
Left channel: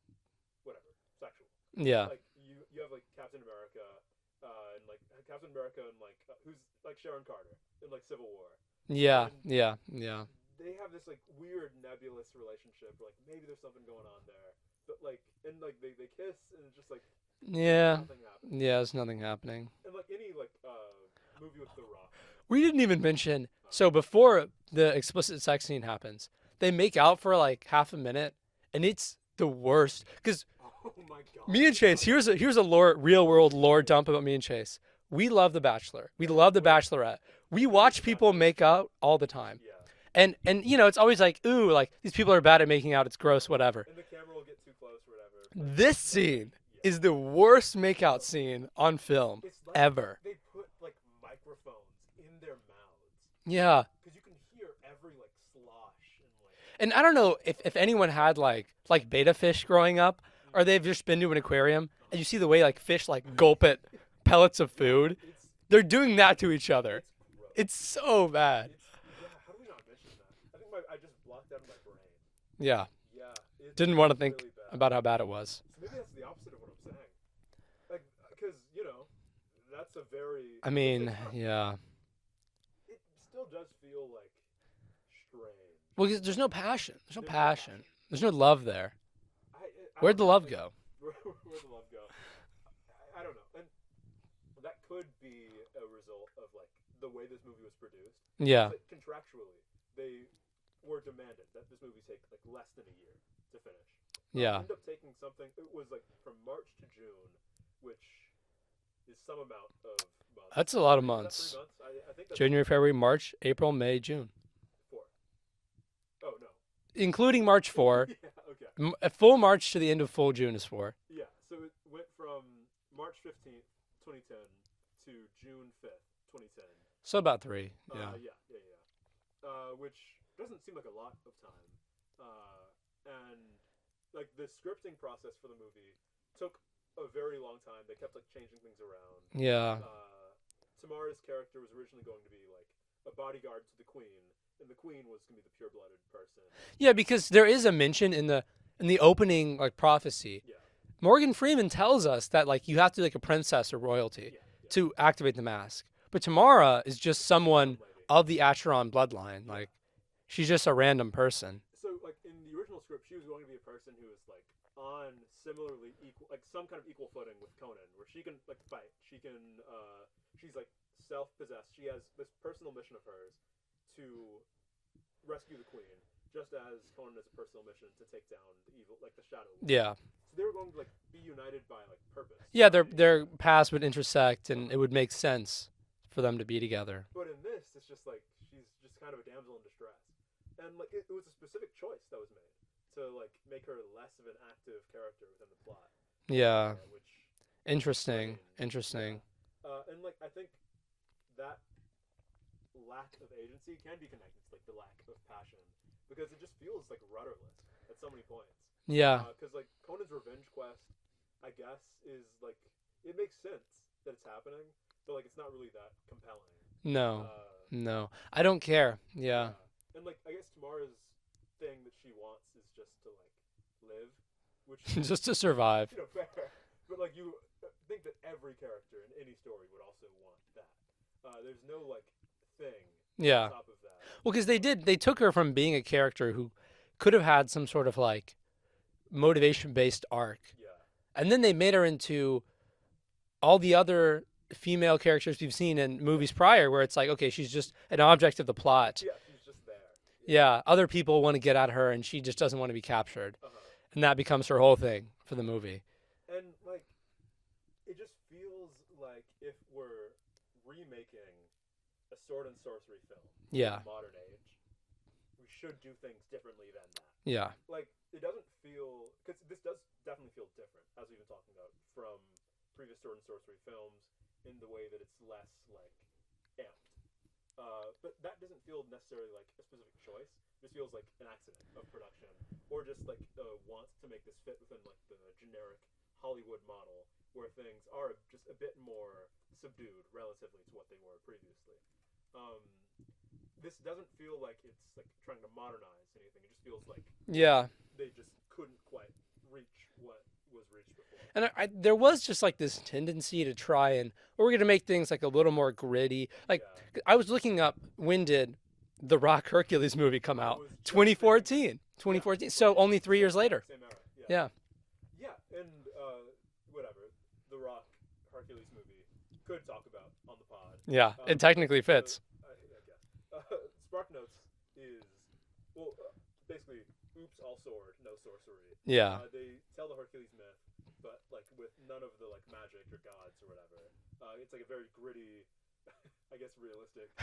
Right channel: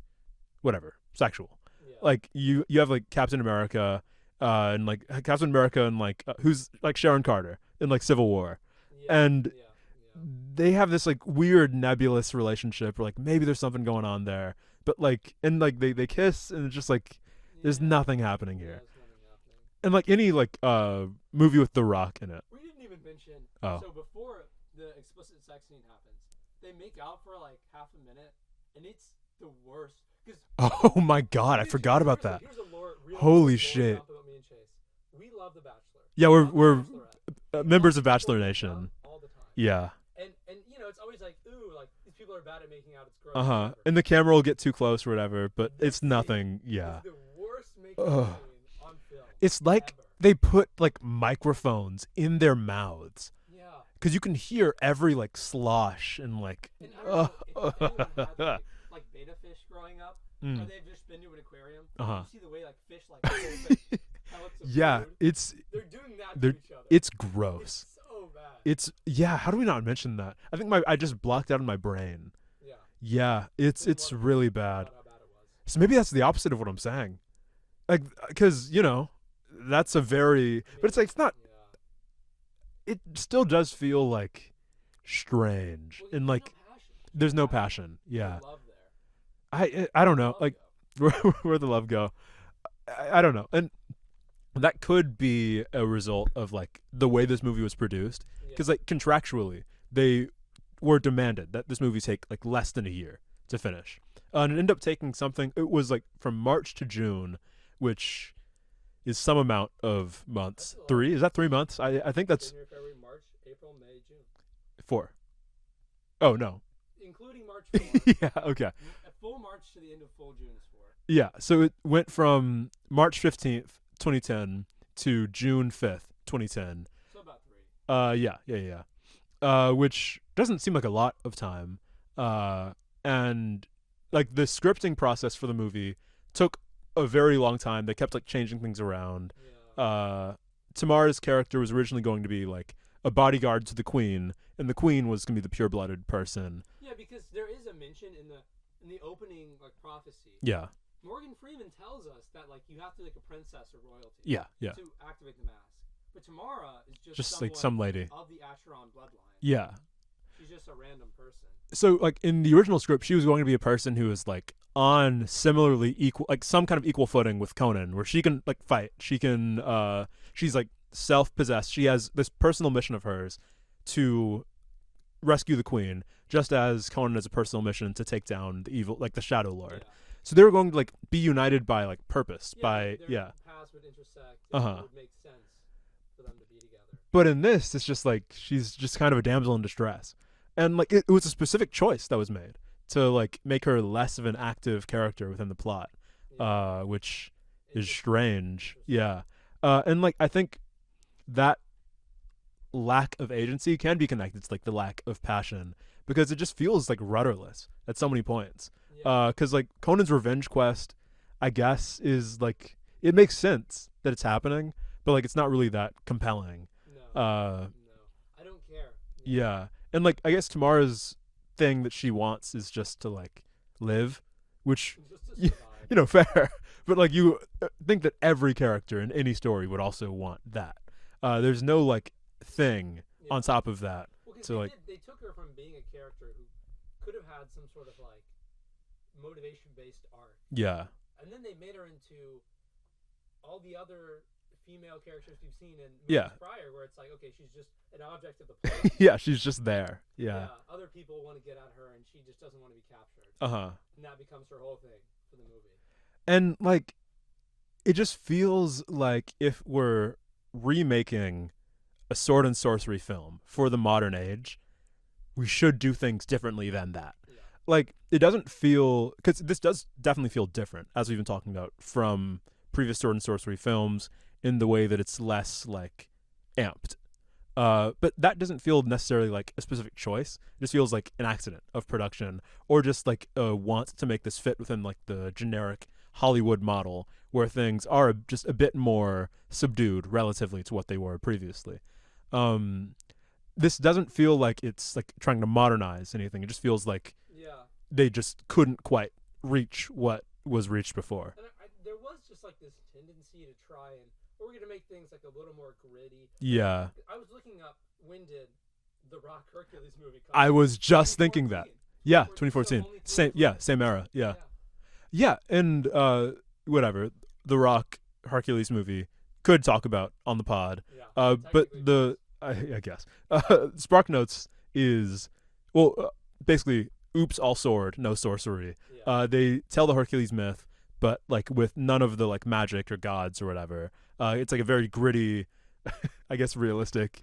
whatever, sexual. Yeah. Like you have like Captain America, and like Captain America and like who's like Sharon Carter in like Civil War. Yeah. And yeah. they have this like weird nebulous relationship where like maybe there's something going on there, but like and like they kiss and it's just like. There's nothing happening. Yeah, there's nothing happening. And like any like movie with The Rock in it. We didn't even mention. So before the explicit sex scene happens, they make out for like half a minute, and it's the worst. Cause oh my god, I forgot about that. Here's a real world lore dump about me and Chase. We love The Bachelor. Yeah, we love The Bachelorette. We watch of people Bachelor make Nation. out all the time. Yeah. And you know, it's always like, ooh, like these people are bad at making out. It's gross, whatever. And the camera will get too close or whatever. But this it's nothing. Scene is the worst makeout scene on film. It's like ever. They put like microphones in their mouths. Yeah. Because you can hear every like slosh and like. And I don't know if anyone had like beta fish growing up, or they've just been to an aquarium. And you see the way like fish like gulp it. Pellets of food. They're doing that to each other. It's gross. It's so bad. How do we not mention that? I think I just blocked out in my brain. Yeah. Yeah, it's really bad. About how bad it was. So maybe that's the opposite of what I'm saying. Like, because that's a very. I mean, but it's not. Yeah. It still does feel like strange. Well, there's like, no passion. There's no passion. There's no love there. I don't know. Where'd the love go? Where'd the love go? I don't know. And that could be a result of like the way this movie was produced. Yeah. Because like contractually, they were demanded that this movie take like less than a year to finish. And end up taking something. It was like from March to June, which is some amount of months. That's a lot of months. Is that 3 months? I think that's January, February, March, April, May, June. 4. Oh no. Including March 4. Yeah. Okay. A full March to the end of full June is 4. Yeah. So it went from March 15th. 2010 to June 5th, 2010. So about 3. Yeah. Which doesn't seem like a lot of time. And like the scripting process for the movie took a very long time. They kept like changing things around. Yeah. Tamara's character was originally going to be like a bodyguard to the queen, and the queen was going to be the pure-blooded person. Yeah, because there is a mention in the opening like prophecy. Yeah. Morgan Freeman tells us that like you have to be like a princess or royalty to activate the mask. But Tamara is just someone like some lady of the Acheron bloodline. Yeah. Like, she's just a random person. So like in the original script, she was going to be a person who is like on similarly equal, like some kind of equal footing with Conan, where she can like fight. She can, she's like self-possessed. She has this personal mission of hers to rescue the queen, just as Conan has a personal mission to take down the evil, like the Shadow Lord. Yeah. So they were going to like be united by like purpose. Yeah, their paths would intersect, and it would make sense for them to be together. But in this, it's just like she's just kind of a damsel in distress, and like it was a specific choice that was made to like make her less of an active character within the plot. Yeah, which is strange. Interesting. Yeah, and like I think that lack of agency can be connected to like the lack of passion, because it just feels like rudderless at so many points. Yeah. Because like Conan's revenge quest, I guess, is like it makes sense that it's happening, but like it's not really that compelling. No. No. I don't care. Yeah. Yeah. And like I guess Tamara's thing that she wants is just to like live, which just to survive. Fair. But like you think that every character in any story would also want that. There's no like thing on top of that. Well, because they took her from being a character who could have had some sort of like motivation-based arc. Yeah. And then they made her into all the other female characters we've seen in movies prior, where it's like, okay, she's just an object of the plot. Yeah, she's just there. Yeah. Other people want to get at her, and she just doesn't want to be captured. And that becomes her whole thing for the movie. And like, it just feels like if we're remaking a sword and sorcery film for the modern age, we should do things differently than that. Yeah. Like, it doesn't feel, because this does definitely feel different, as we've been talking about, from previous sword and sorcery films in the way that it's less like amped. But that doesn't feel necessarily like a specific choice. It just feels like an accident of production, or just like a want to make this fit within like the generic Hollywood model where things are just a bit more subdued relatively to what they were previously. This doesn't feel like it's like trying to modernize anything. It just feels like they just couldn't quite reach what was reached before. And there was just like this tendency to try and we're going to make things like a little more gritty. Like, I was looking up, when did the Rock Hercules movie come out? I was just thinking that. 2014. So only 3 years later. Yeah, same era. Yeah. And whatever, the Rock Hercules movie could talk about on the pod. Yeah, it technically fits. I guess. Spark Notes is, basically, oops, all sword, no sorcery. Yeah. They tell the Hercules myth, but like with none of the like magic or gods or whatever. It's like a very gritty, I guess, realistic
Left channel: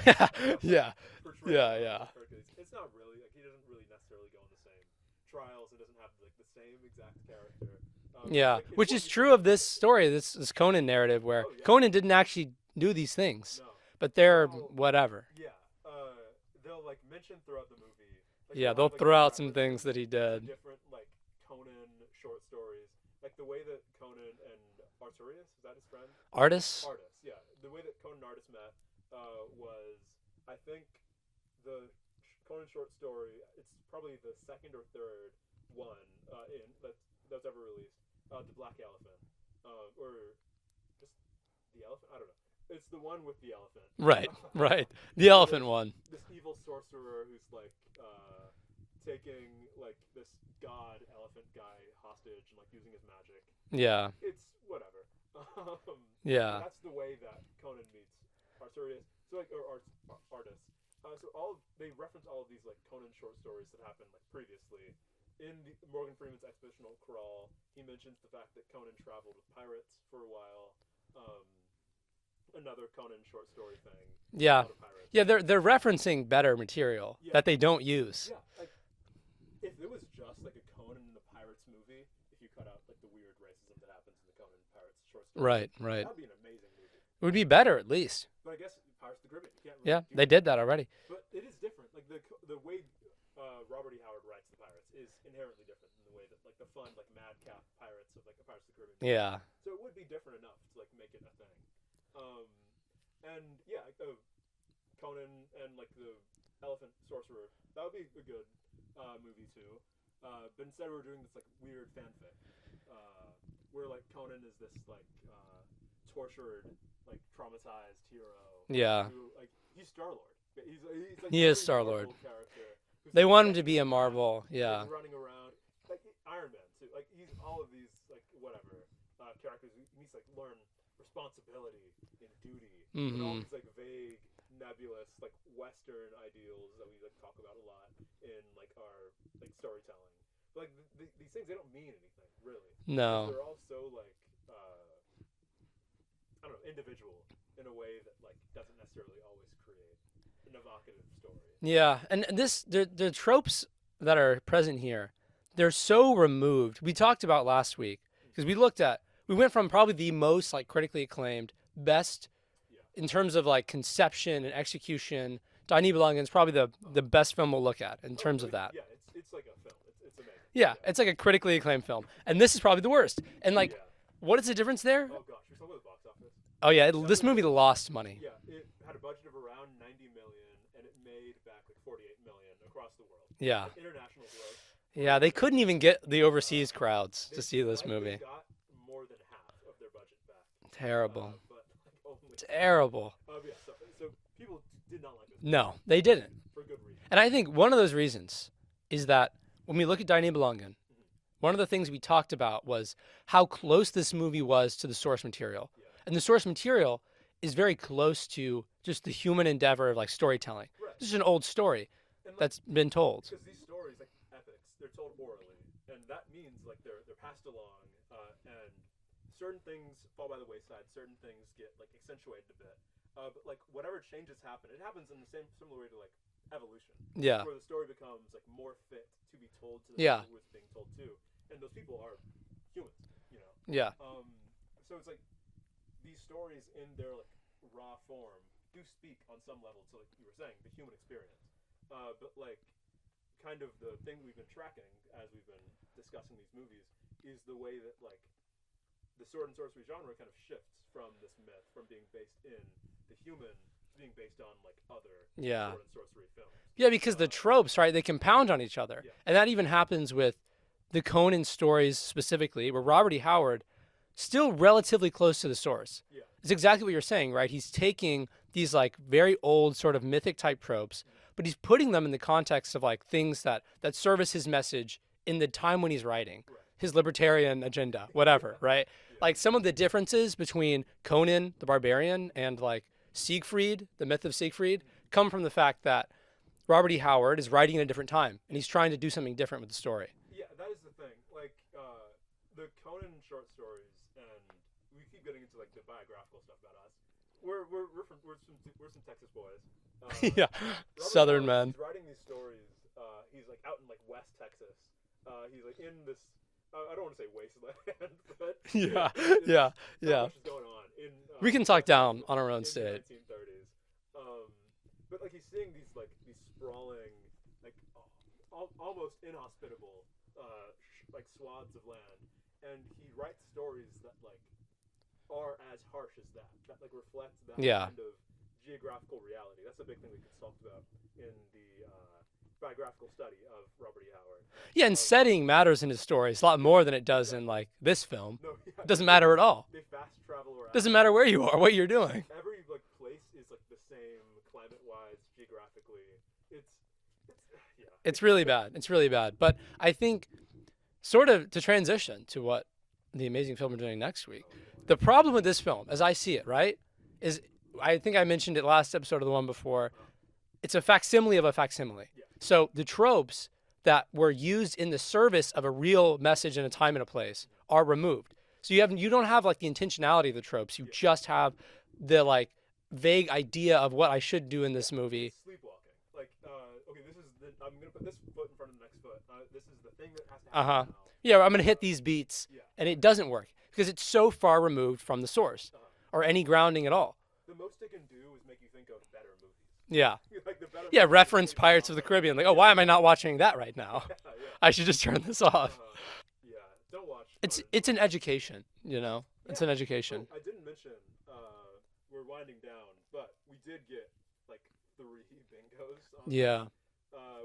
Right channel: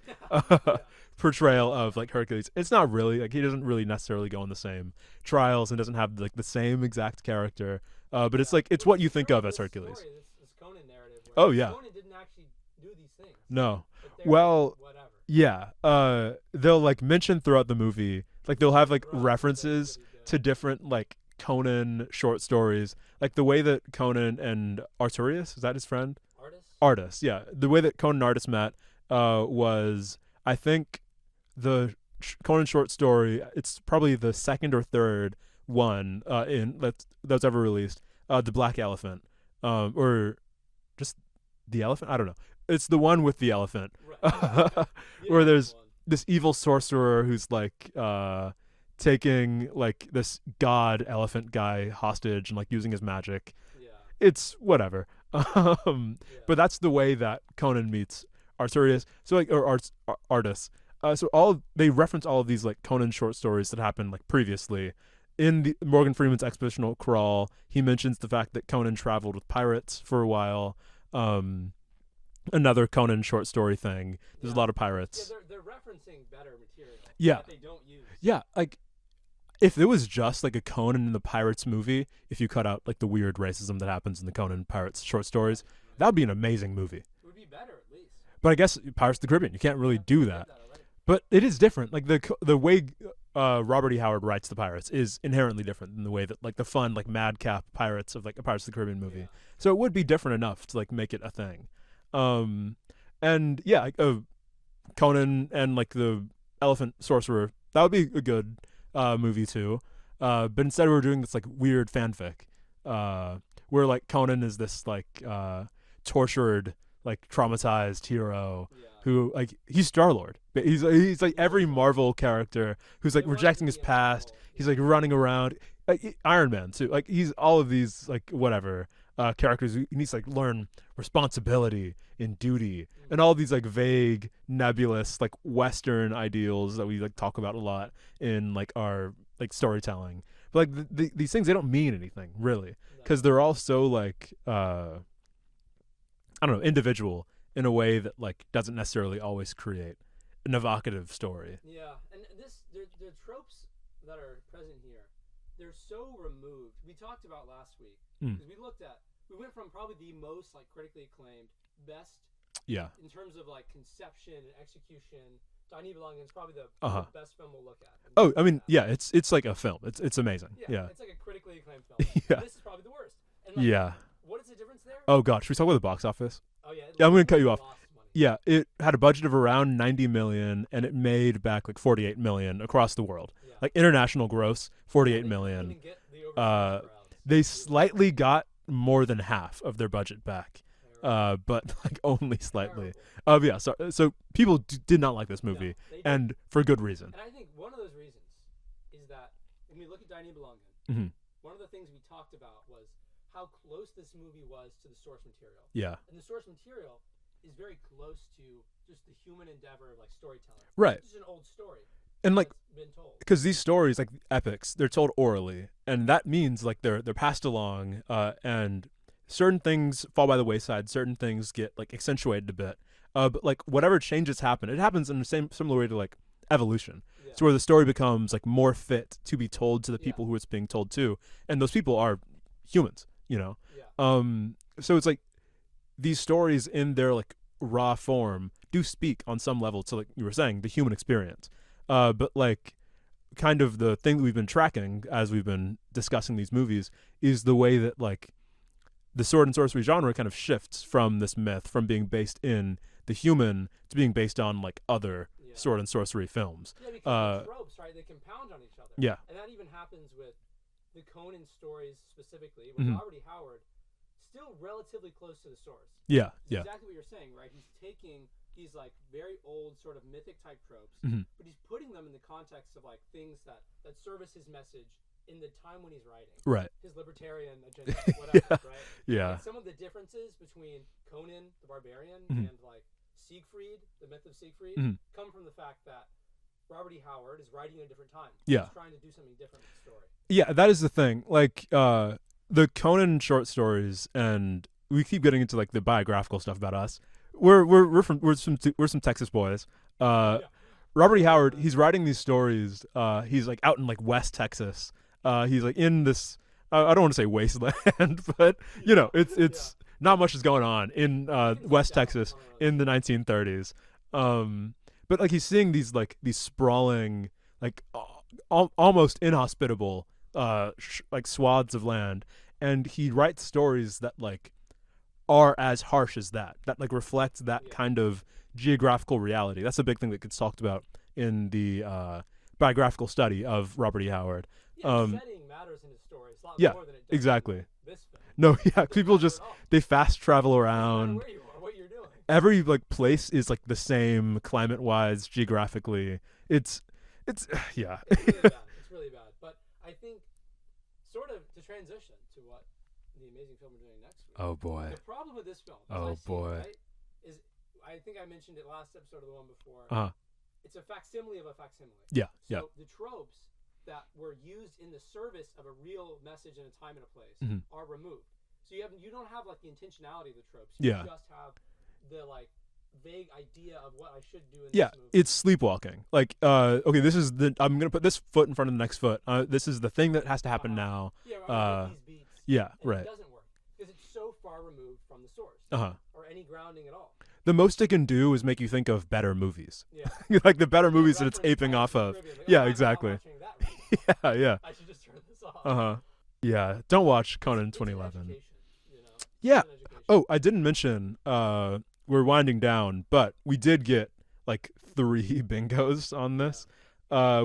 portrayal of like Hercules. It's not really like he doesn't really necessarily go on the same trials and doesn't have like the same exact character. But it's like it's what you think of as Hercules. This story, this Conan narrative, where Conan didn't actually do these things. No, but they're whatever. Yeah, they'll like mention throughout the movie, like they'll have like references to different like Conan short stories, like the way that Conan and Arturius, is that his friend? Artis, yeah. The way that Conan and Artis met was, I think, the Conan short story. It's probably the second or third one that's ever released. The Black Elephant, or just the elephant. I don't know. It's the one with the elephant. Right. The elephant one. This evil sorcerer who's like taking like this god elephant guy hostage and like using his magic. Yeah. It's whatever. But that's the way that Conan meets Arturius. So like, or Artis. So they reference all of these like Conan short stories that happened like previously. In Morgan Freeman's Expeditional Crawl, he mentions the fact that Conan traveled with pirates for a while. Another Conan short story thing. There's a lot of pirates. Yeah, they're referencing better material that they don't use. Yeah, like if it was just like a Conan and the Pirates movie, if you cut out like the weird racism that happens in the Conan Pirates short stories, that would be an amazing movie. It would be better at least. But I guess Pirates of the Caribbean, you can't really do that. They did that already. But it is different. Like the way Robert E. Howard writes the Pirates is inherently different than the way that like the fun like madcap pirates of like a Pirates of the Caribbean movie. Yeah. So it would be different enough to like make it a thing. And yeah, like, Conan and like the Elephant Sorcerer, that would be a good movie too. But instead we're doing this like weird fanfic, where like Conan is this like tortured, like traumatized hero. Yeah. Who like he's Star-Lord. He's like every Marvel character who's like rejecting his past. He's like running around. Like Iron Man too. Like he's all of these like whatever characters. He needs to like learn responsibility and duty and all these like vague, nebulous like Western ideals that we like talk about a lot in like our like storytelling. But like these things, they don't mean anything really, because they're all so like I don't know, individual in a way that like doesn't necessarily always create an evocative story. Yeah, and the tropes that are present here, they're so removed. We talked about last week because we went from probably the most like critically acclaimed, best in terms of like conception and execution. Tiny Belonging's probably the best film we'll look at in terms of that. Yeah, it's like a film. It's amazing. Yeah, it's like a critically acclaimed film. And this is probably the worst. And like What is the difference there? Oh God, should we talk about the box office? Oh yeah, I'm this gonna cut movie you off. lost money. Yeah, it had a budget of around 90 million, and it made back like 48 million across the world. Yeah. Like international gross, 48 Yeah, they million. couldn't even get the overseas crowds. They to see this slightly movie. got more than half of their budget back. Terrible. But like only slightly. Terrible. Yeah. So people did not like this movie. No, they didn't. And for good reason. And I think one of those reasons is that when we look at Deine Belangen, one of the things we talked about was how close this movie was to the source material. Yeah. And the source material is very close to just the human endeavor of like storytelling. Right. This is an old story and like, that's been told. Because these stories, like epics, they're told orally, and that means like they're passed along, and certain things fall by the wayside. Certain things get like accentuated a bit. But like whatever changes happen, it happens in the similar way to like evolution. Yeah. It's where the story becomes like more fit to be told to the people who it's being told to, and those people are humans, you know. Yeah. So it's like these stories in their like raw form do speak on some level to, like you were saying, the human experience. But like kind of the thing that we've been tracking as we've been discussing these movies is the way that like the sword and sorcery genre kind of shifts from this myth, from being based in the human to being based on like other sword and sorcery films. Yeah, because the tropes, right, they compound on each other. Yeah. And that even happens with the Conan stories specifically, where Robert E. Howard, still relatively close to the source. Yeah. It's exactly what you're saying, right? He's taking these like very old sort of mythic type tropes, but he's putting them in the context of like things that service his message in the time when he's writing. Right. His libertarian agenda, whatever, right? Yeah. Like some of the differences between Conan the Barbarian and like Siegfried, the myth of Siegfried, come from the fact that Robert E. Howard is writing at a different time. Yeah. He's trying to do something different with the story. Yeah, that is the thing. Like the Conan short stories, and we keep getting into like the biographical stuff about us. We're some Texas boys. Yeah. Robert E. Southern Howard, man. he's writing these stories. He's like out in like West Texas. He's like in this. I don't want to say wasteland, but you know, it's not much is going on in we can talk West down Texas on our own in state. the 1930s. But like he's seeing these sprawling, like almost inhospitable, like swaths of land, and he writes stories that like are as harsh as that like reflect that kind of geographical reality. That's a big thing that gets talked about in the biographical study of Robert E. Howard. Yeah, and setting matters in his stories a lot more than it does in like this film. No, yeah, it doesn't matter at all. They fast travel around. Doesn't matter where you are, what you're doing. Every like place is like the same climate-wise, geographically. It's yeah. It's really bad. It's really bad. But I think sort of to transition to what the amazing film we're doing next week. Oh boy. The problem with this film, as I see it, right, is I think I mentioned it last episode of the one before. It's a facsimile of a facsimile. Yeah. So the tropes that were used in the service of a real message in a time and a place are removed. So you don't have like the intentionality of the tropes. You just have the like vague idea of what I should do in this movie. It's sleepwalking. Like, okay, I'm gonna put this foot in front of the next foot. This is the thing that has to happen now. Yeah, I'm gonna hit these beats. Yeah, and it doesn't work because it's so far removed from the source or any grounding at all. The most it can do is make you think of better movies. Yeah. Like the better movies. Yeah, reference it's Pirates of the Caribbean. Like, why am I not watching that right now? Yeah. I should just turn this off. Yeah. Don't watch Conan. It's an education, you know? Yeah. It's an education. Oh, I didn't mention, we're winding down, but we did get like 3 bingos on this.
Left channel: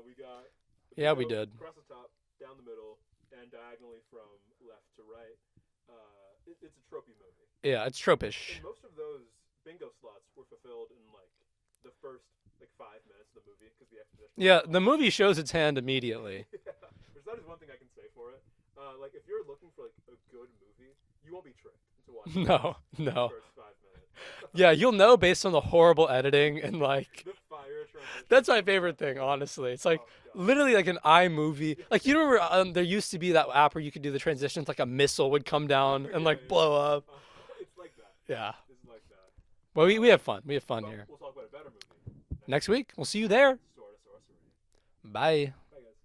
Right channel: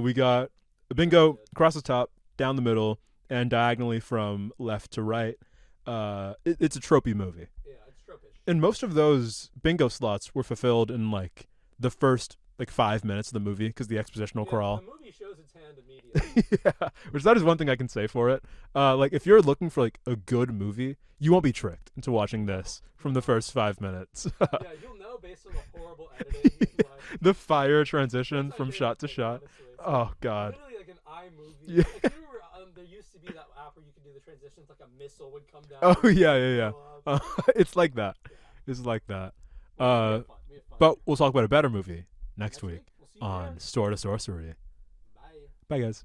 We got a bingo across the top, down the middle, and diagonally from left to right. It's a tropey movie. Yeah, it's tropish. And most of those bingo slots were fulfilled in like the first like 5 minutes of the movie because the expositional crawl. The movie shows its hand immediately. Which that is one thing I can say for it. Like if you're looking for like a good movie, you won't be tricked into watching this from the first 5 minutes. Yeah, you'll know based on the horrible editing and like the fire transition. That's my from favorite shot to thing, shot. honestly. It's like God. literally like an iMovie. Like you remember there used to be that app where you could do the transitions, like a missile would come down and blow up. It's like that. Yeah. It's like that. Well, we have fun. We have fun But here. we'll talk about a better movie next week. We'll see you there. Sorta Sorcery. Bye. Bye, guys.